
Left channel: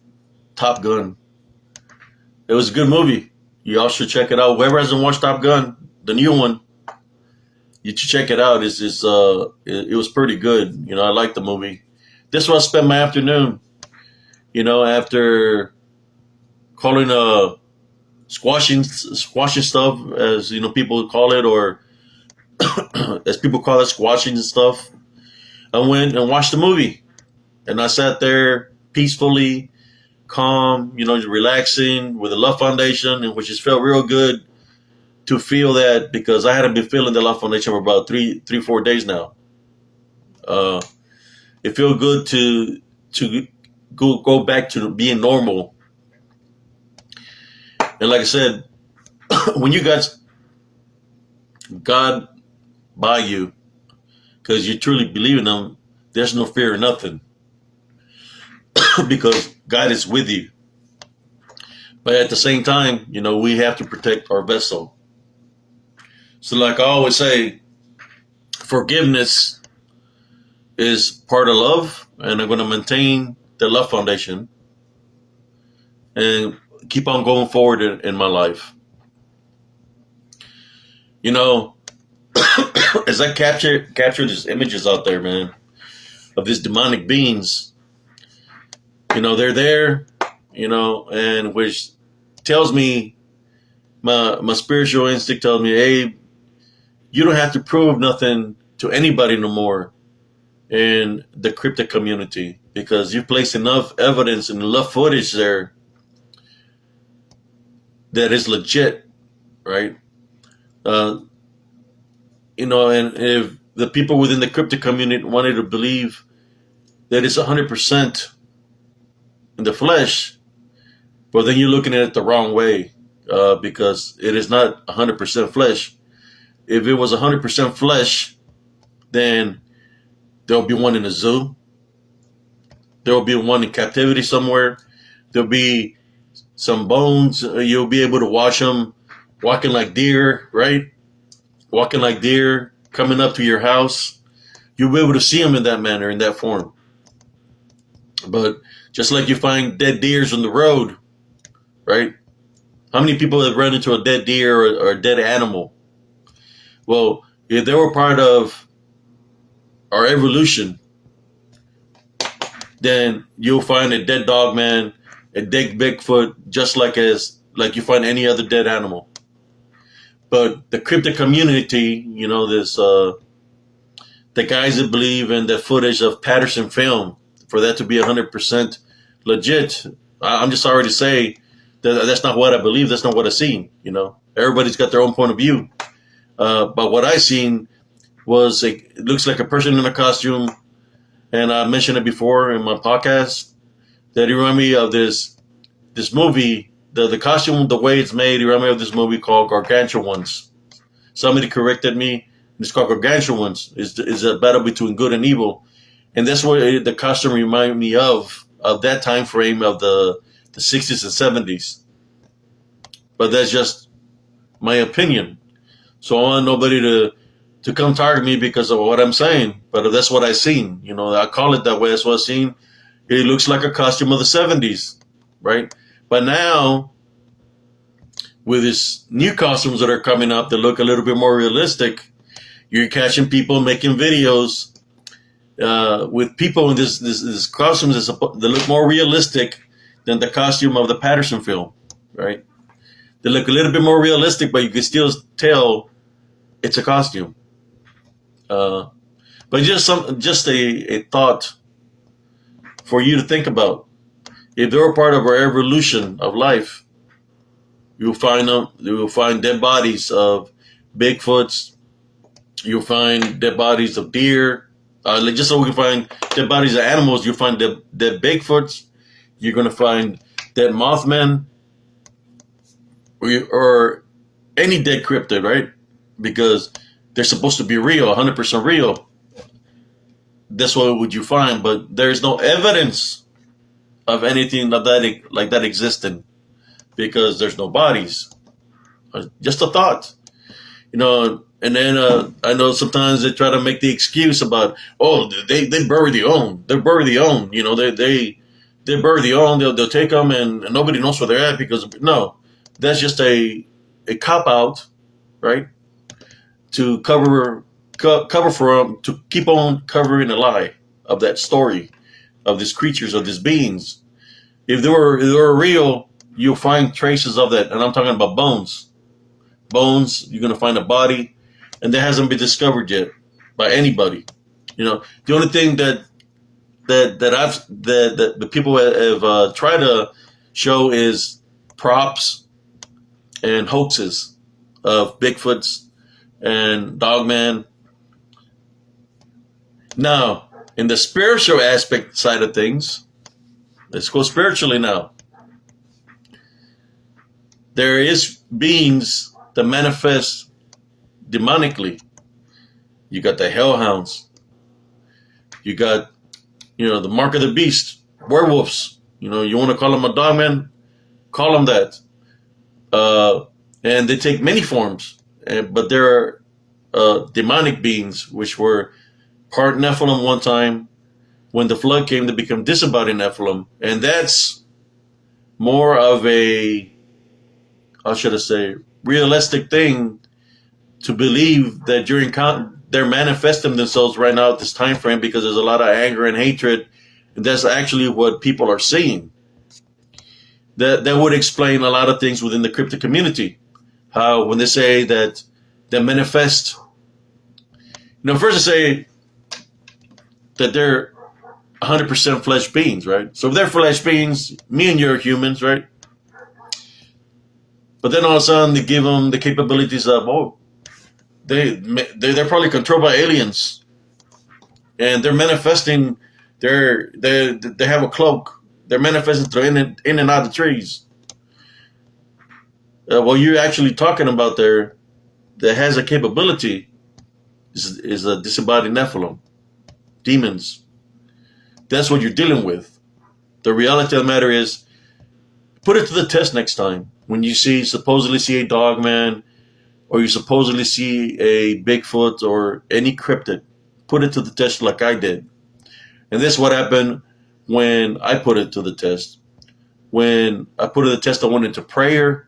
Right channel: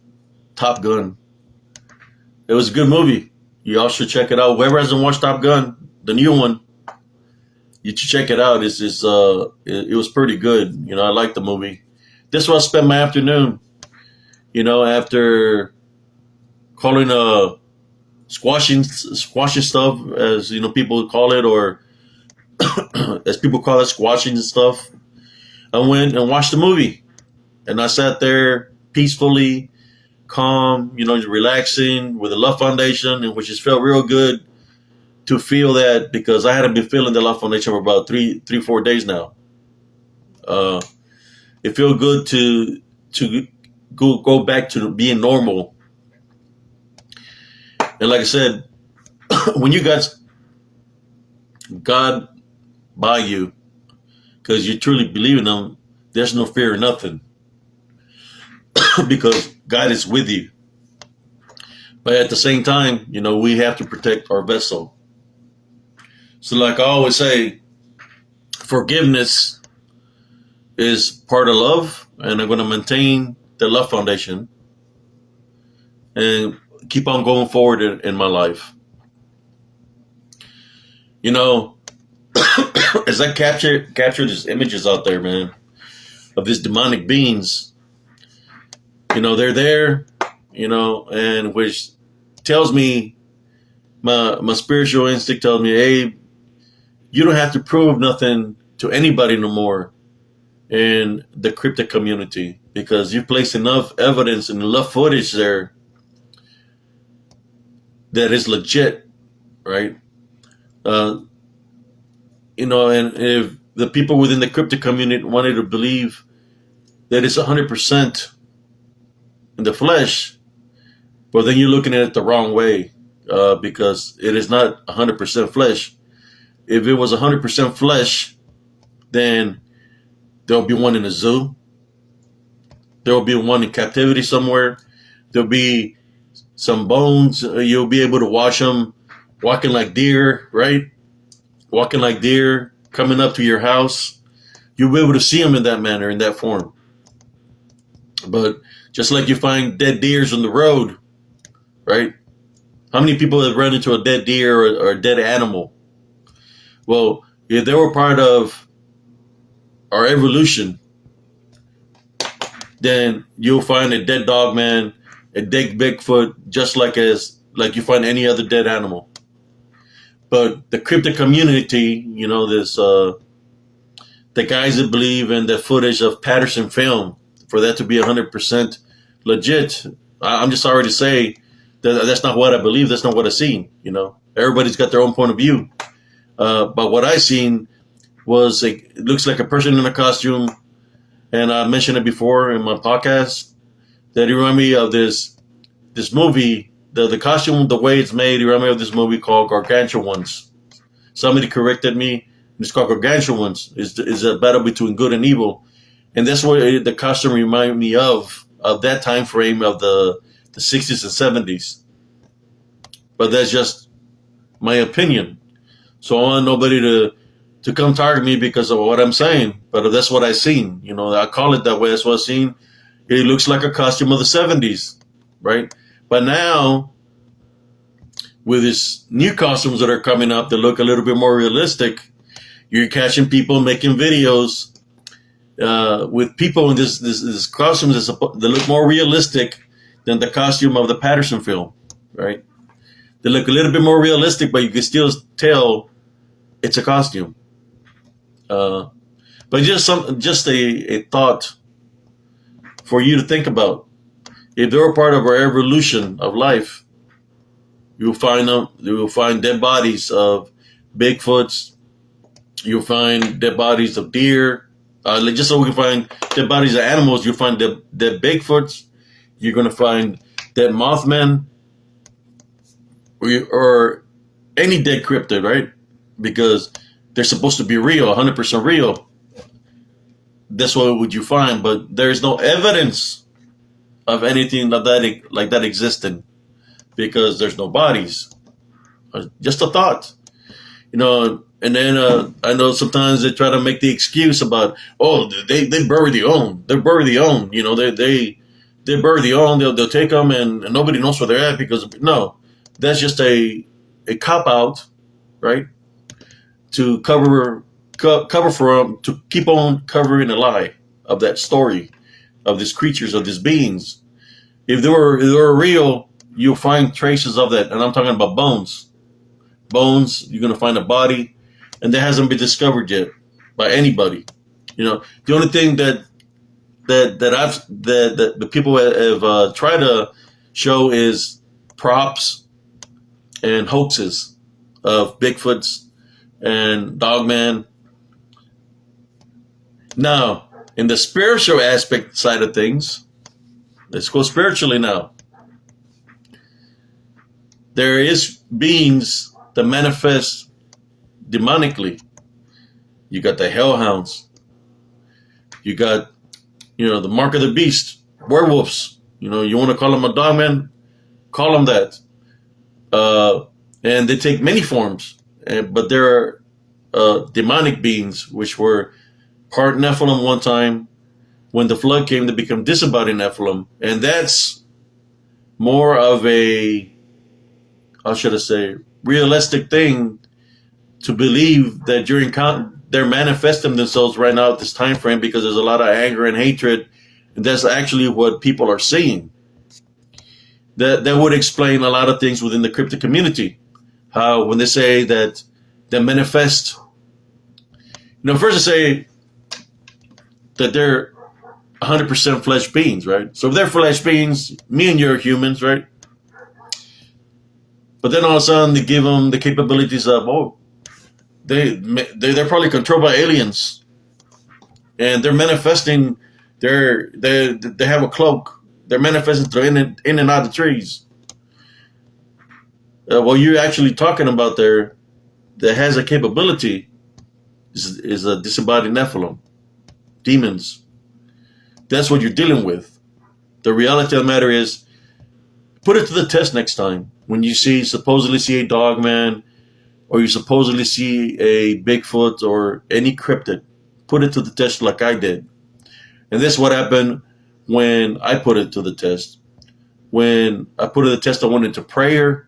Top Gun. It was a good movie. You all should check it out. Whoever hasn't watched Top Gun, the new one, you should check it out. It was pretty good. I liked the movie. This is where I spent my afternoon. After calling squashing stuff, as people call it, or as people call it, squashing and stuff. I went and watched the movie, and I sat there peacefully, calm, relaxing with the Love Foundation, and which just felt real good to feel that, because I hadn't been feeling the Love Foundation for about 4 days now. It felt good to go back to being normal. And like I said, when you got God by you, because you truly believe in Him, there's no fear or nothing, because God is with you. But at the same time, we have to protect our vessel. So like I always say, forgiveness is part of love, and I'm going to maintain the love foundation and keep on going forward in my life. You know, as I capture these images out there, man, of these demonic beings, you know, they're there, you know, and which tells me, my spiritual instinct tells me, hey, you don't have to prove nothing to anybody no more in the cryptic community, because you placed enough evidence and enough footage there that is legit, right? You know, and if the people within the cryptic community wanted to believe that it's 100% in the flesh, well, then you're looking at it the wrong way, because it is not 100% flesh. If it was 100% flesh, then there'll be one in a zoo. There'll be one in captivity somewhere. There'll be some bones. You'll be able to watch them walking like deer, right? Walking like deer, coming up to your house. You'll be able to see them in that manner, in that form. But just like you find dead deers on the road, right? How many people have run into a dead deer or a dead animal? Well, if they were part of our evolution, then you'll find a dead dog man, a dead Bigfoot, just like you find any other dead animal. But the cryptic community, you know, there's the guys that believe in the footage of Patterson film, for that to be 100% legit. I'm just sorry to say that that's not what I believe. That's not what I seen. You know, everybody's got their own point of view. But what I seen was it looks like a person in a costume, and I mentioned it before in my podcast, that it reminded me of this movie. The costume, the way it's made, it reminded me of this movie called Gargantuans. Somebody corrected me. It's called Gargantuans. It's a battle between good and evil, and that's what the costume reminded me of that time frame of the 60s and 70s. But that's just my opinion. So I want nobody to come target me because of what I'm saying. But that's what I seen. You know, I call it that way. That's what I seen. It looks like a costume of the 70s, right? But now, with these new costumes that are coming up that look a little bit more realistic, you're catching people making videos with people in this costumes that look more realistic than the costume of the Patterson film, right? They look a little bit more realistic, but you can still tell it's a costume. But just a thought for you to think about. If they're a part of our evolution of life, you will find dead bodies of Bigfoots. You'll find dead bodies of deer. Just so we can find dead bodies of animals, you'll find dead Bigfoots. You're going to find dead Mothman, or any dead cryptid, right? Because they're supposed to be real, 100% real. That's what would you find, but there is no evidence of anything like that existing, because there's no bodies. Just a thought, you know. And then I know sometimes they try to make the excuse about, oh, they bury their own. They bury their own. You know, they bury their own. They'll take them and nobody knows where they're at, because no, that's just a cop out, right? To cover for them, to keep on covering the lie of that story of these creatures, of these beings. If they were real, you'll find traces of that, and I'm talking about bones. Bones, you're gonna find a body, and that hasn't been discovered yet by anybody. You know, the only thing that the people have tried to show is props and hoaxes of Bigfoots and Dogman. Now, in the spiritual aspect side of things, let's go spiritually now. There is beings that manifest demonically. You got the hellhounds. You got, you know, the mark of the beast, werewolves. You know, you want to call them a dogman, call them that. And they take many forms, but they're demonic beings, which were part Nephilim one time, when the flood came, they become disembodied Nephilim, and that's more of a, how should I say, realistic thing to believe that during they're manifesting themselves right now at this time frame because there's a lot of anger and hatred, and that's actually what people are seeing. That would explain a lot of things within the cryptic community. How when they say that they manifest, first they say that they're 100% flesh beings, right? So if they're flesh beings, me and you are humans, right? But then all of a sudden they give them the capabilities of, they're probably controlled by aliens, and they're manifesting. They have a cloak. They're manifesting through in and out of trees. What you're actually talking about there, that has a capability, is a disembodied Nephilim, demons. That's what you're dealing with. The reality of the matter is, put it to the test next time when you supposedly see a dog man, or you supposedly see a Bigfoot or any cryptid. Put it to the test like I did. And this is what happened when I put it to the test. When I put it to the test, I went into prayer.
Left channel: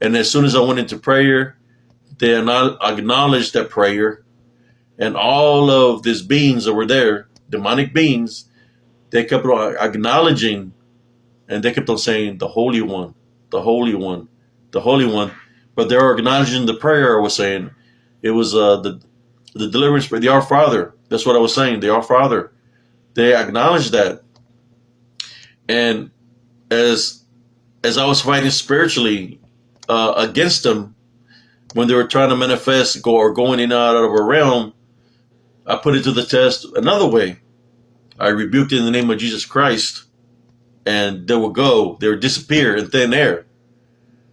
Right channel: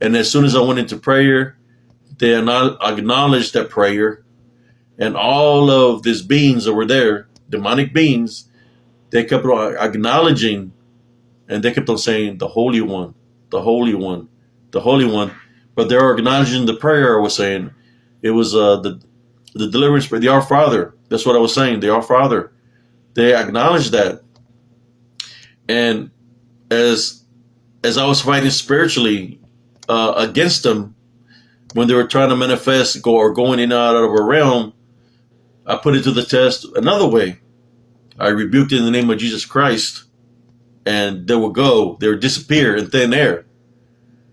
And as soon as I went into prayer, they acknowledged that prayer. And all of these beings that were there, demonic beings, they kept on acknowledging, and they kept on saying, the Holy One, the Holy One, the Holy One. But they're acknowledging the prayer I was saying. It was the deliverance prayer, the Our Father. That's what I was saying, the Our Father. They acknowledged that. And as I was fighting spiritually against them, when they were trying to manifest or going in and out of a realm, I put it to the test another way. I rebuked it in the name of Jesus Christ, and they would go. They would disappear in thin air.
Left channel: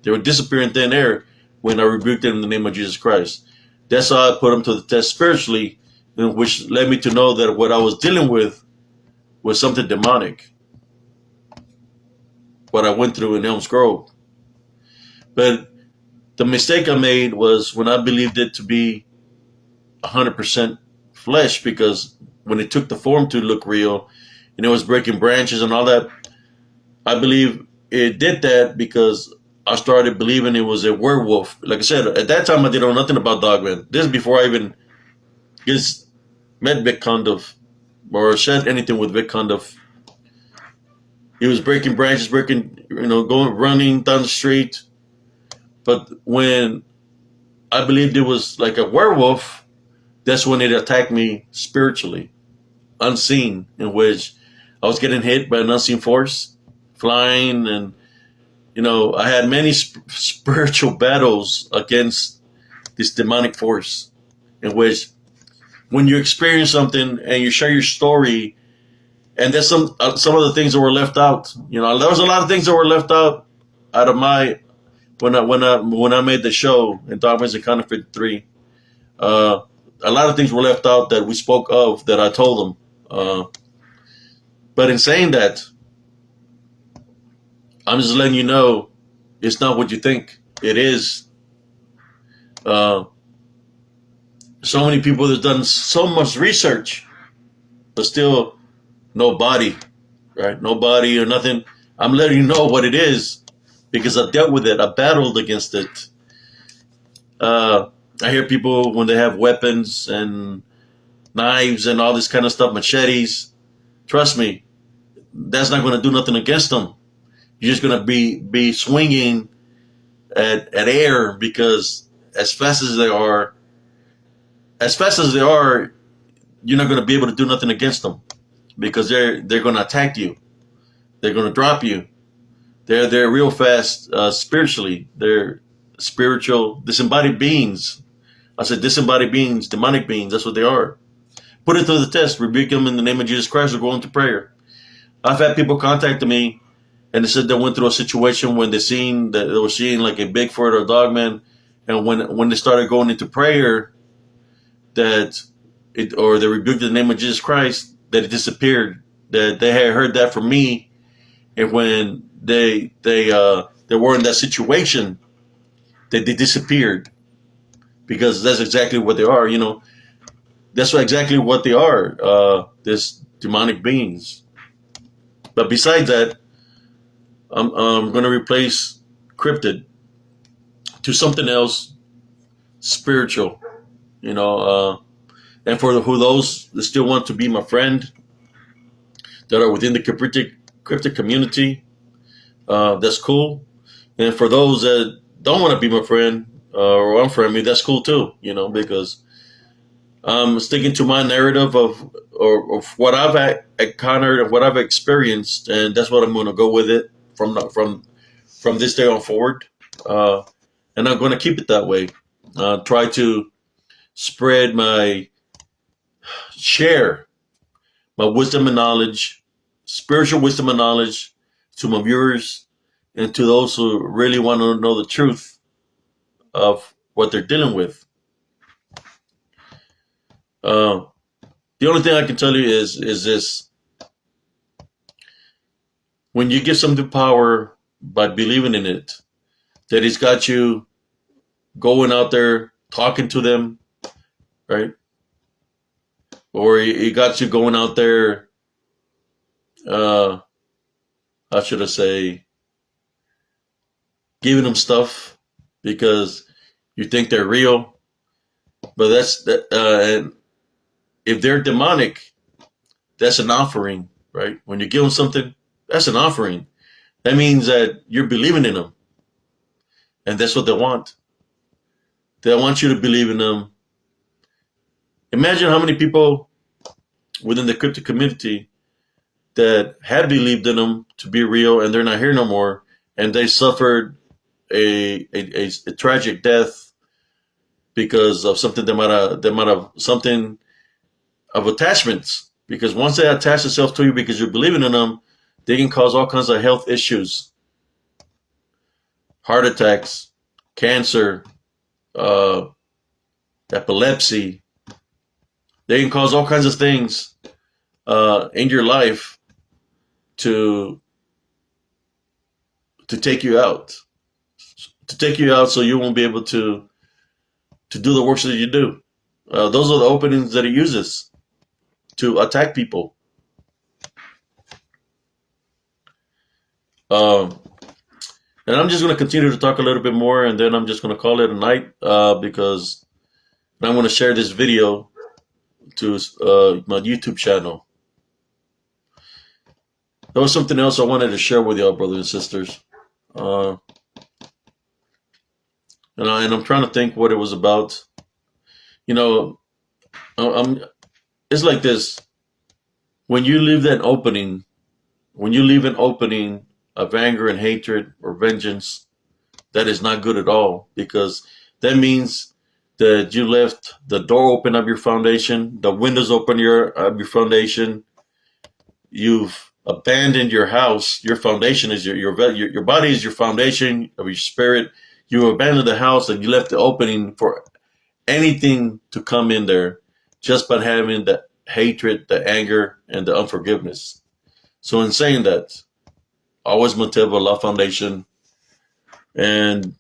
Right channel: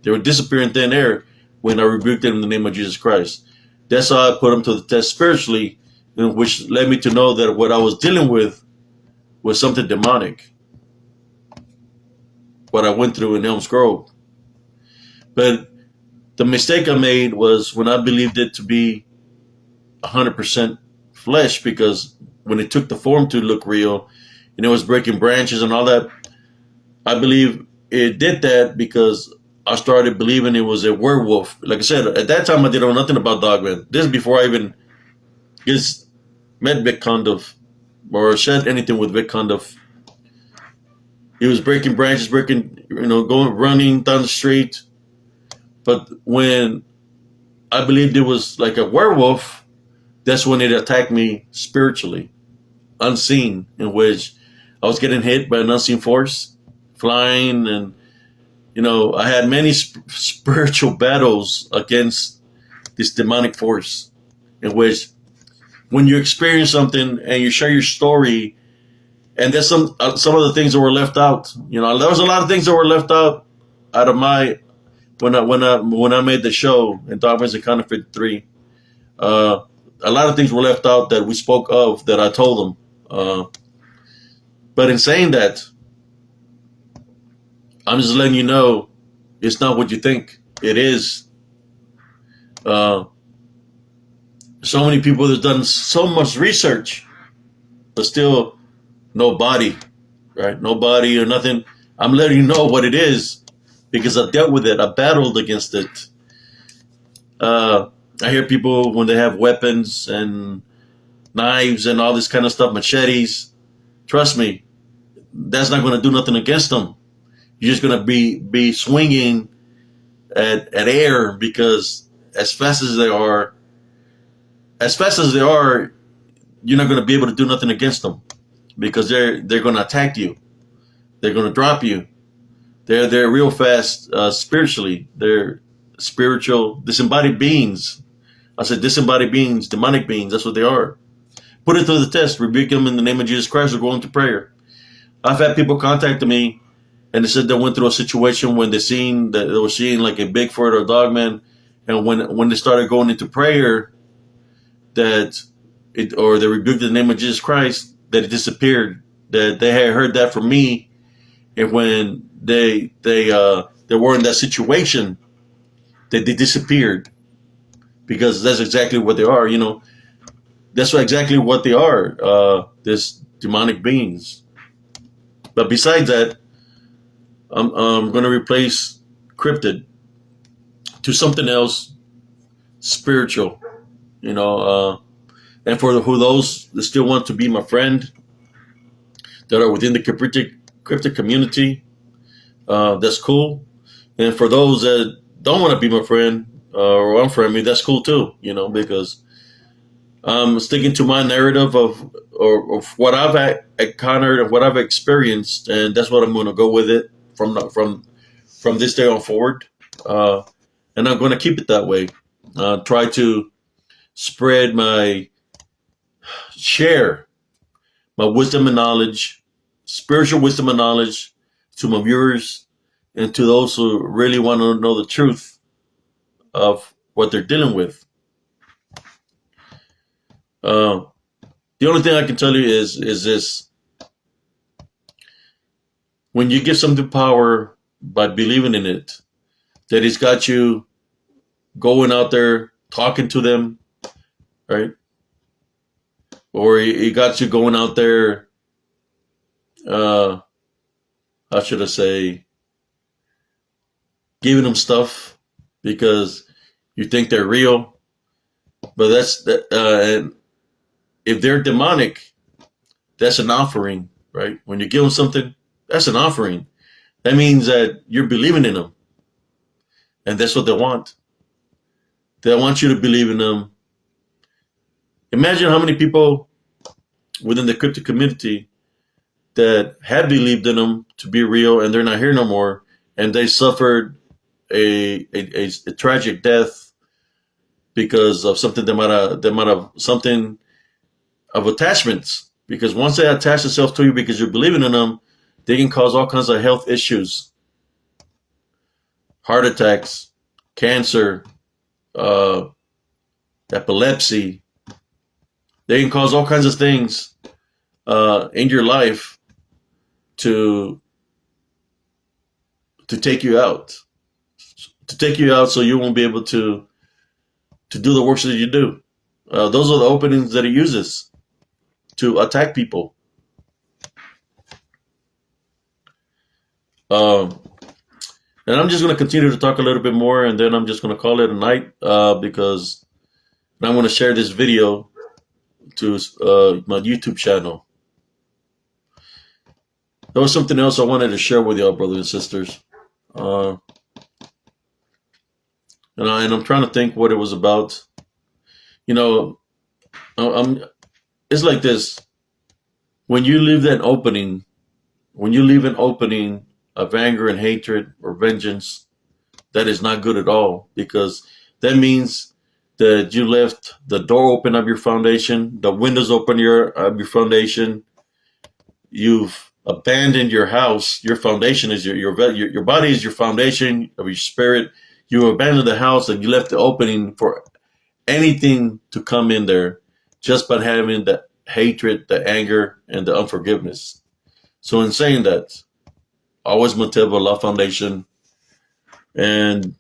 They would disappear in thin air when I rebuked them in the name of Jesus Christ. That's how I put them to the test spiritually, which led me to know that what I was dealing with was something demonic. What I went through in Elms Grove. But the mistake I made was when I believed it to be 100% flesh, because when it took the form to look real, and it was breaking branches and all that, I believe it did that because I started believing it was a werewolf. Like I said, at that time I didn't know nothing about Dogman. This is before I even met Vic Condiff or said anything with Vic Condiff. He was breaking branches, running down the street. But when I believed it was like a werewolf, that's when it attacked me spiritually, unseen, in which I was getting hit by an unseen force, flying, and I had many spiritual battles against this demonic force, in which when you experience something and you share your story, and there's some of the things that were left out. There was a lot of things that were left out of my when I made the show in Dogman's and Counterfeit 3. A lot of things were left out that we spoke of that I told them. But in saying that, I'm just letting you know it's not what you think it is. So many people have done so much research, but still no body, right? No body or nothing. I'm letting you know what it is because I dealt with it. I battled against it. I hear people when they have weapons and knives and all this kind of stuff, machetes. Trust me, that's not going to do nothing against them. You're just going to be swinging at air because as fast as they are, you're not going to be able to do nothing against them because they're going to attack you. They're going to drop you. They're real fast spiritually. They're spiritual disembodied beings. I said disembodied beings, demonic beings. That's what they are. Put it to the test. Rebuke them in the name of Jesus Christ or go into prayer. I've had people contact me and they said they went through a situation when they were seeing like a Bigfoot or a Dogman, and when they started going into prayer, they rebuked the name of Jesus Christ, that it disappeared. That they had heard that from me, and when they were in that situation, they disappeared because that's exactly what they are. That's exactly what they are. This demonic beings. But besides that, I'm going to replace cryptid to something else spiritual, you know. And for those that still want to be my friend, that are within the cryptic community, that's cool. And for those that don't want to be my friend or unfriend me, that's cool too, you know, because I'm sticking to my narrative of what I've encountered and what I've experienced, and that's what I'm going to go with it from this day on forward. And I'm going to keep it that way. Try to share my wisdom and knowledge, spiritual wisdom and knowledge, to my viewers and to those who really want to know the truth of what they're dealing with. The only thing I can tell you is this: when you give something power by believing in it, that it's got you going out there talking to them, right? Or it got you going out there, how should I say, giving them stuff because you think they're real. But and if they're demonic, that's an offering, right? When you give them something, that's an offering. That means that you're believing in them. And that's what they want. They want you to believe in them. Imagine how many people within the cryptic community that had believed in them to be real and they're not here no more, and they suffered a tragic death because of something they might have something of attachments. Because once they attach themselves to you because you're believing in them, they can cause all kinds of health issues, heart attacks, cancer, epilepsy. They can cause all kinds of things in your life to take you out, so you won't be able to do the works that you do. Those are the openings that it uses to attack people. And I'm just going to continue to talk a little bit more, and then I'm just going to call it a night because I want to share this video to my YouTube channel. There was something else I wanted to share with y'all, brothers and sisters. And I'm trying to think what it was about. You know, it's like this. When you leave an opening of anger and hatred or vengeance, that is not good at all, because that means that you left the door open of your foundation, the windows open of your foundation. You've abandoned your house. Your foundation is your body is your foundation of your spirit. You abandoned the house and you left the opening for anything to come in there, just by having the hatred, the anger, and the unforgiveness. So in saying that, always maintain Allah foundation, and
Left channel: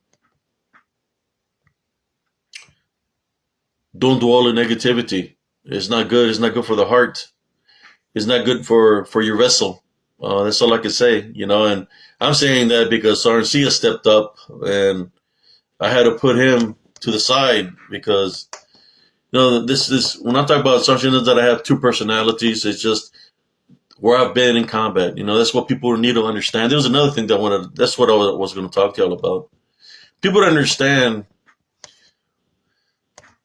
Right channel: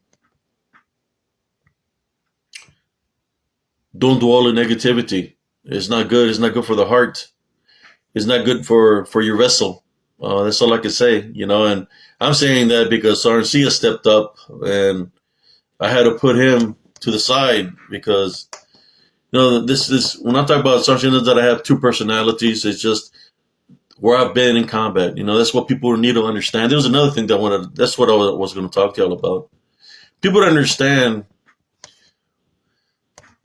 don't dwell in negativity. It's not good. It's not good for the heart. It's not good for your vessel. That's all I can say, you know. And I'm saying that because Sarncia stepped up, and I had to put him to the side because, you know, this is, when I talk about Sarncia, that I have two personalities. It's just where I've been in combat. You know, that's what people need to understand. There's another thing that's what I was going to talk to y'all about. People to understand.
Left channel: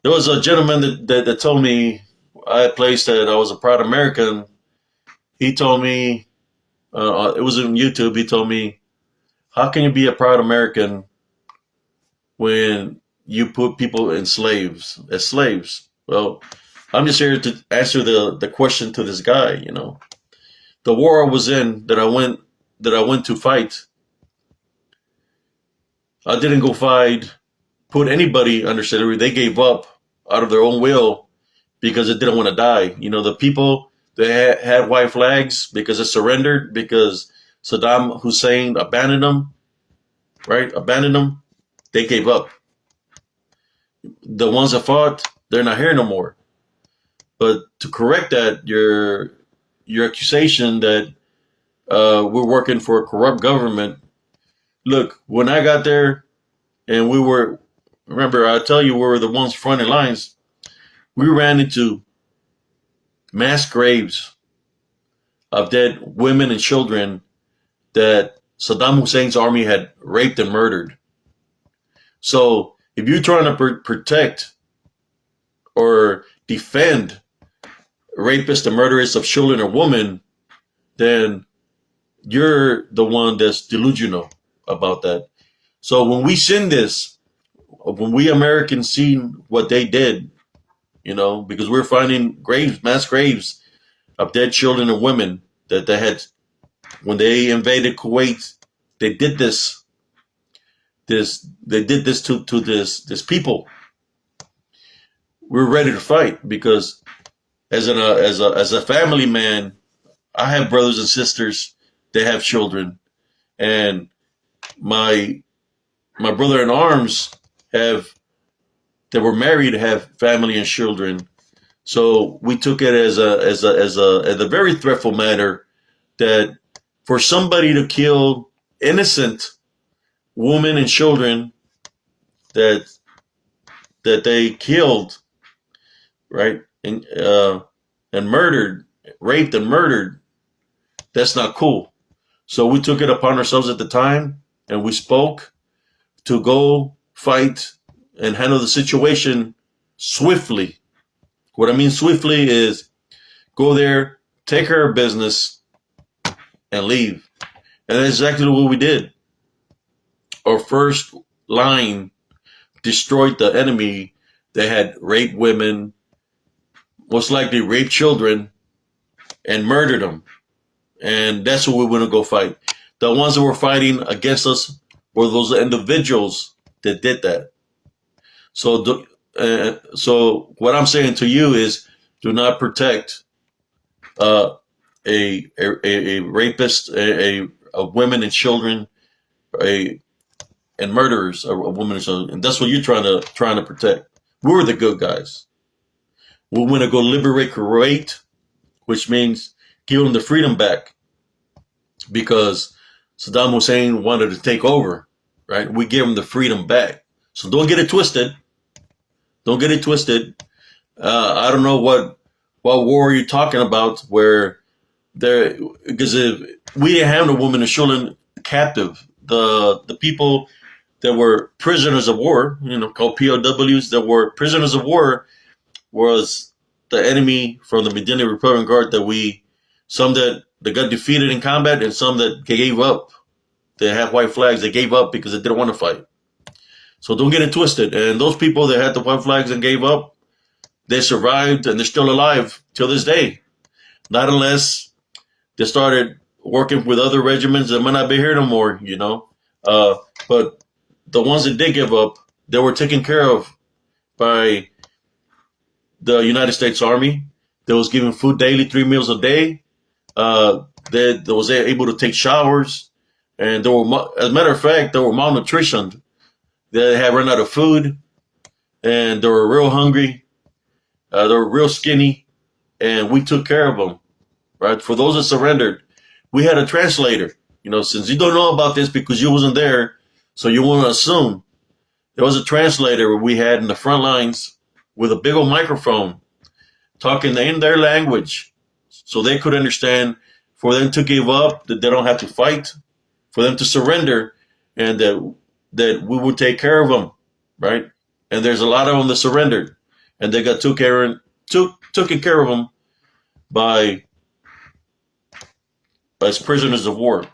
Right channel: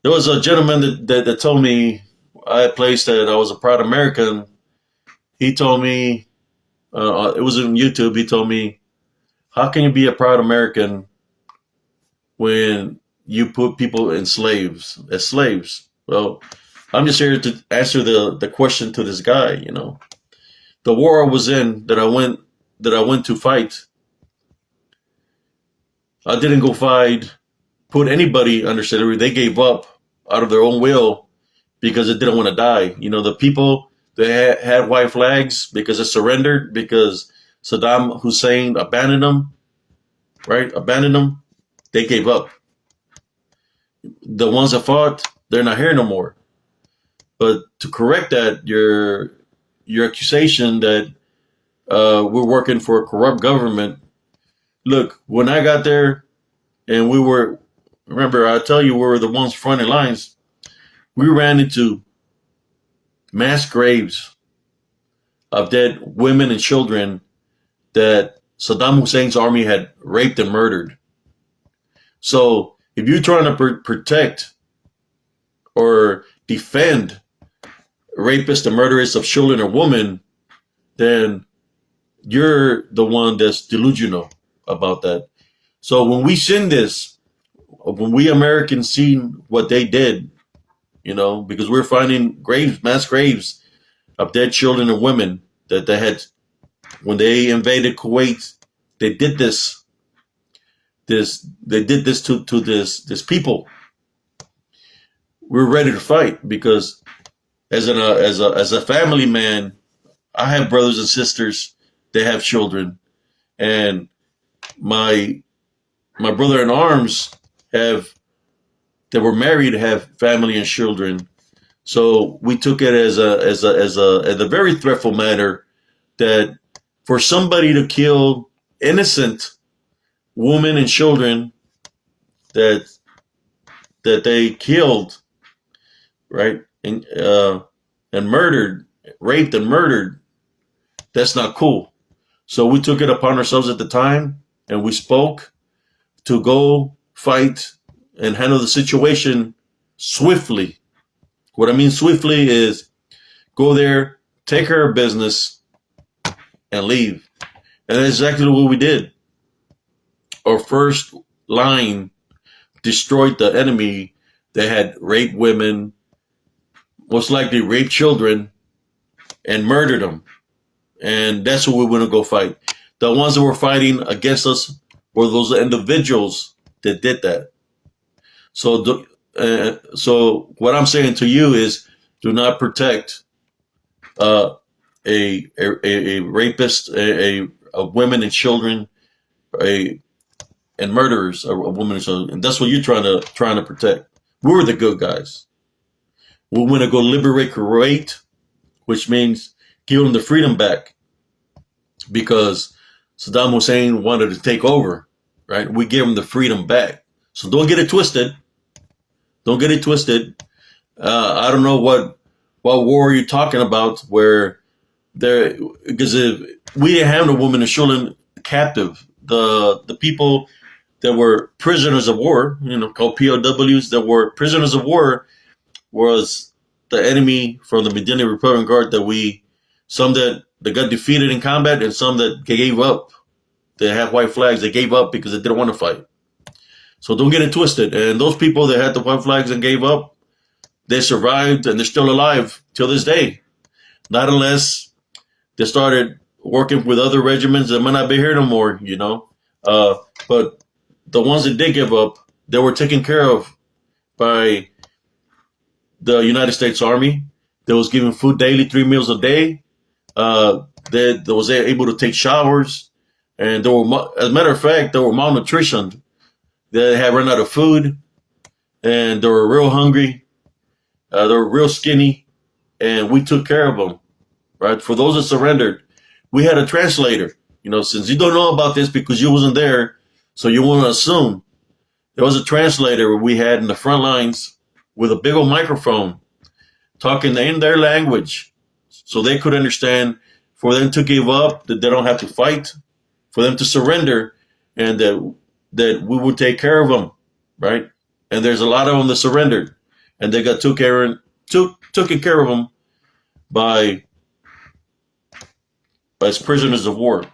There was a gentleman that told me, I had placed that I was a proud American. He told me, it was on YouTube, he told me, how can you be a proud American when you put people as slaves? Well, I'm just here to answer the question to this guy, you know. The war I was in, that I went to fight, I didn't go put anybody under slavery. They gave up out of their own will because they didn't want to die. You know, the people that had white flags because they surrendered, because Saddam Hussein abandoned them, right? They gave up. The ones that fought, they're not here no more. But to correct that, your accusation that we're working for a corrupt government. Look, when I got there, and remember, I tell you, we were the ones fronting lines. We ran into mass graves of dead women and children that Saddam Hussein's army had raped and murdered. So if you're trying to protect or defend rapists and murderers of children or women, then you're the one that's delusional about that. So when we seen this, when we Americans seen what they did, because we're finding graves, mass graves of dead children and women that they had when they invaded Kuwait. They did this. They did this to this people. We're ready to fight because as a family man, I have brothers and sisters. They have children, and my brother in arms that were married have family and children. So we took it as a very threatful manner that for somebody to kill innocent women and children that they killed, right, and murdered, raped and murdered, that's not cool. So we took it upon ourselves at the time, and we spoke to go fight and handle the situation swiftly. What I mean swiftly is go there, take care of business, and leave. And that's exactly what we did. Our first line destroyed the enemy that had raped women, most likely raped children, and murdered them. And that's what we want to go fight. The ones that were fighting against us were those individuals that did that. So what I'm saying to you is, do not protect a rapist, of women and children, and murderers of women and children. And that's what you're trying to protect. We're the good guys. We want to go liberate Kuwait, which means give them the freedom back, because Saddam Hussein wanted to take over, right? We give them the freedom back. So don't get it twisted. Don't get it twisted. I don't know what war you're talking about, where because if we didn't have the women and children captive. The people that were prisoners of war, called POWs, that were prisoners of war, was the enemy from the Medina Republican Guard some that got defeated in combat, and some that gave up. They had white flags. They gave up because they didn't want to fight. So don't get it twisted. And those people that had the white flags and gave up, they survived, and they're still alive till this day. Not unless they started working with other regiments that might not be here no more, But the ones that did give up, they were taken care of by the United States Army. They was given food daily, 3 meals a day. They was able to take showers. And as a matter of fact, they were malnutritioned. They had run out of food, and they were real hungry. They were real skinny, and we took care of them, right? For those that surrendered, we had a translator. Since you don't know about this because you wasn't there, so you want to assume, there was a translator we had in the front lines with a big old microphone talking in their language so they could understand, for them to give up, that they don't have to fight, for them to surrender, and that we would take care of them, right? And there's a lot of them that surrendered, and they got taken care of them by as prisoners of war.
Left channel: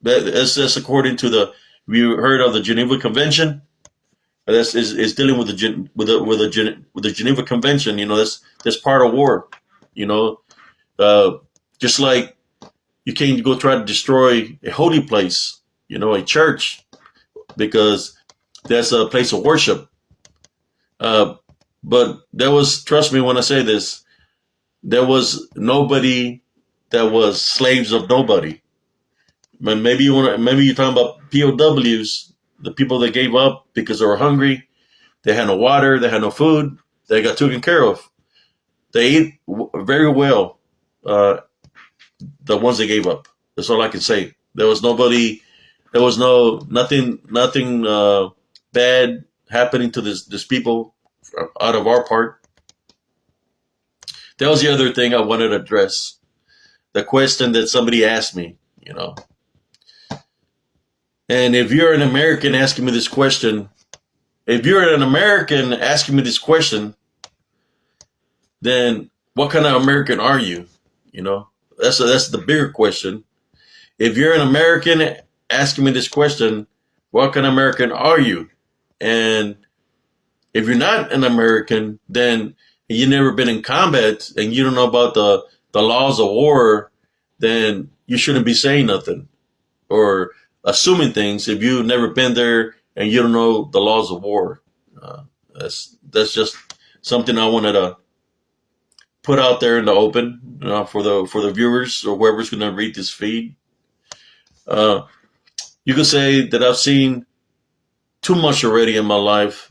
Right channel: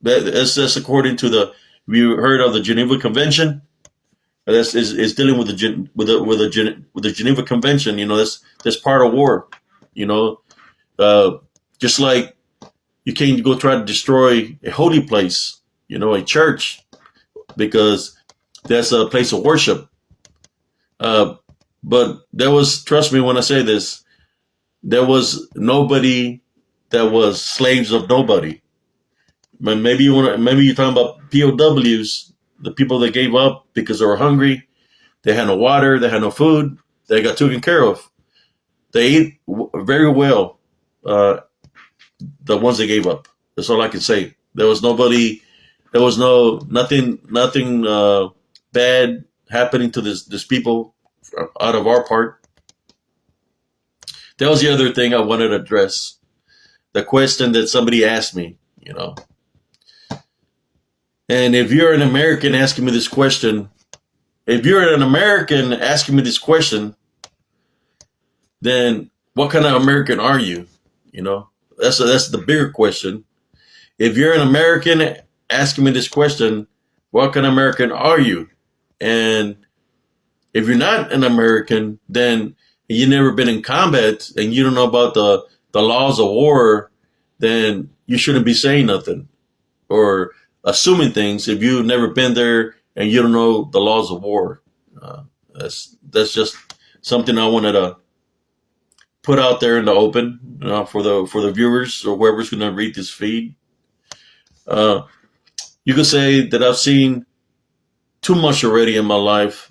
That's according to have you heard of the Geneva Convention? That's is dealing with the Geneva Convention. That's part of war. Just like you can't go try to destroy a holy place, a church, because that's a place of worship. But trust me when I say this, there was nobody that was slaves of nobody. Maybe you're talking about POWs, the people that gave up because they were hungry, they had no water, they had no food, they got taken care of. They ate very well, the ones that gave up. That's all I can say. There was nobody. There was nothing bad happening to this people out of our part. That was the other thing I wanted to address. The question that somebody asked me, you know. And if you're an American asking me this question, then what kind of American are you? You know, that's the bigger question. If you're an American asking me this question, what kind of American are you? And if you're not an American, then you've never been in combat and you don't know about the laws of war, then you shouldn't be saying nothing or assuming things if you've never been there and you don't know the laws of war. That's just something I wanted to put out there in the open for the viewers or whoever's going to read this feed. You could say that I've seen too much already in my life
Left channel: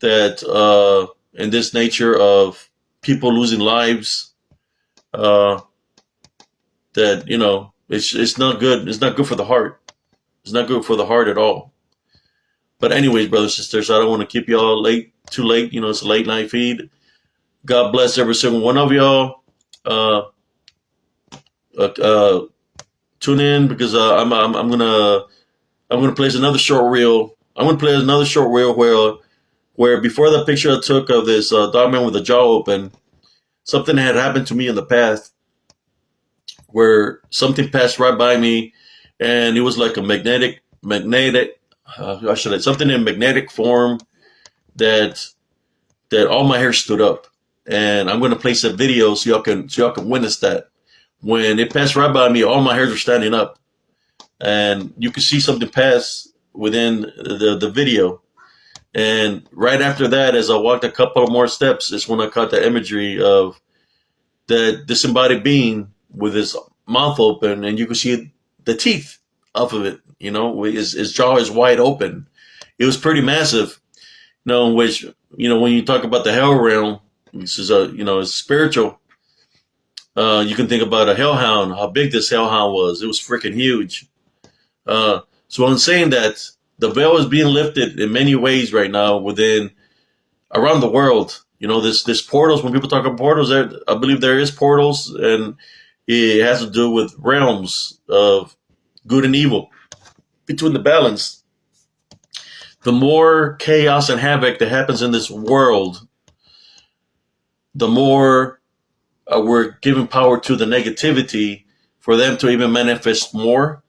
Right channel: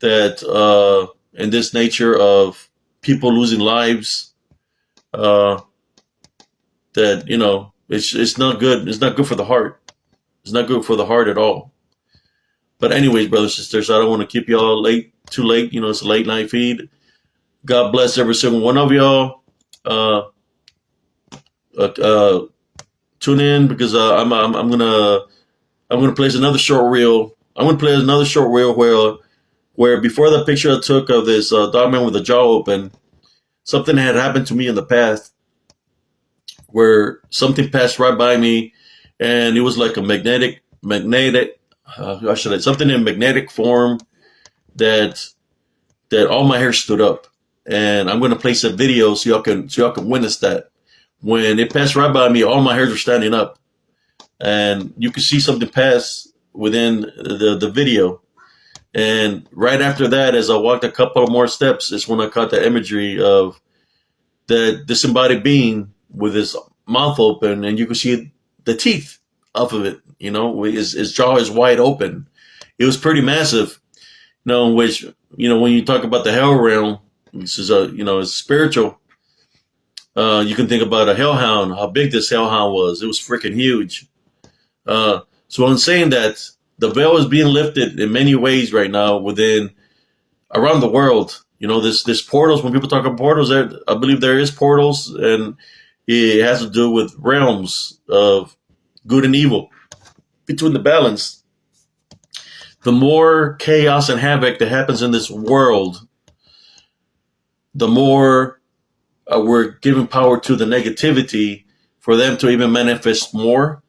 that in this nature of people losing lives, that it's not good. It's not good for the heart. It's not good for the heart at all. But anyways, brothers and sisters, I don't want to keep y'all too late. It's a late night feed. God bless every single one of y'all. Tune in because I'm gonna place another short reel. I'm gonna play another short reel where before the picture I took of this dog man with the jaw open, something had happened to me in the past where something passed right by me, and it was like a magnetic. Something in magnetic form that all my hair stood up. And I'm gonna place a video so y'all can witness that. When it passed right by me, all my hairs were standing up, and you could see something pass within the video. And right after that, as I walked a couple of more steps, is when I caught the imagery of the disembodied being with his mouth open, and you could see the teeth off of it. His jaw is wide open. It was pretty massive. Which when you talk about the hell realm, this is it's spiritual. You can think about a hellhound, how big this hellhound was. It was freaking huge. So I'm saying that the veil is being lifted in many ways right now around the world. There's portals. When people talk about portals, I believe there is portals, and it has to do with realms of good and evil between the balance. The more chaos and havoc that happens in this world, the more we're giving power to the negativity for them to even manifest more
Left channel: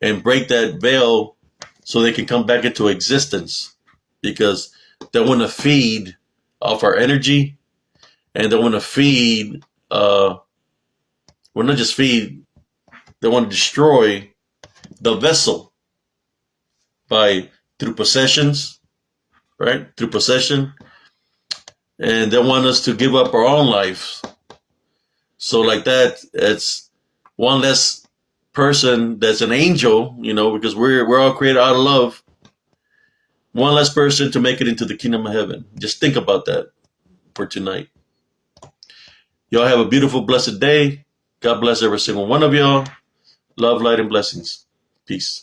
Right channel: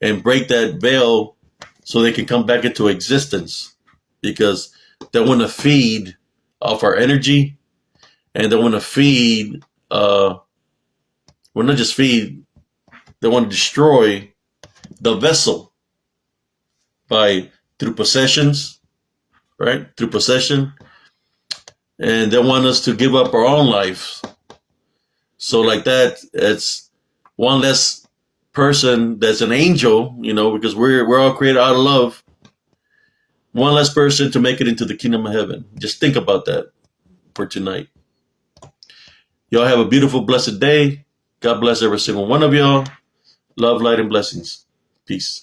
and break that veil so they can come back into existence, because they want to feed off our energy, and they want to feed, well, not just feed, they want to destroy the vessel through possessions, right? Through possession. And they want us to give up our own life. So like that, it's one less person that's an angel, because we're all created out of love. One less person to make it into the kingdom of heaven. Just think about that for tonight. Y'all have a beautiful, blessed day. God bless every single one of y'all. Love, light, and blessings. Peace.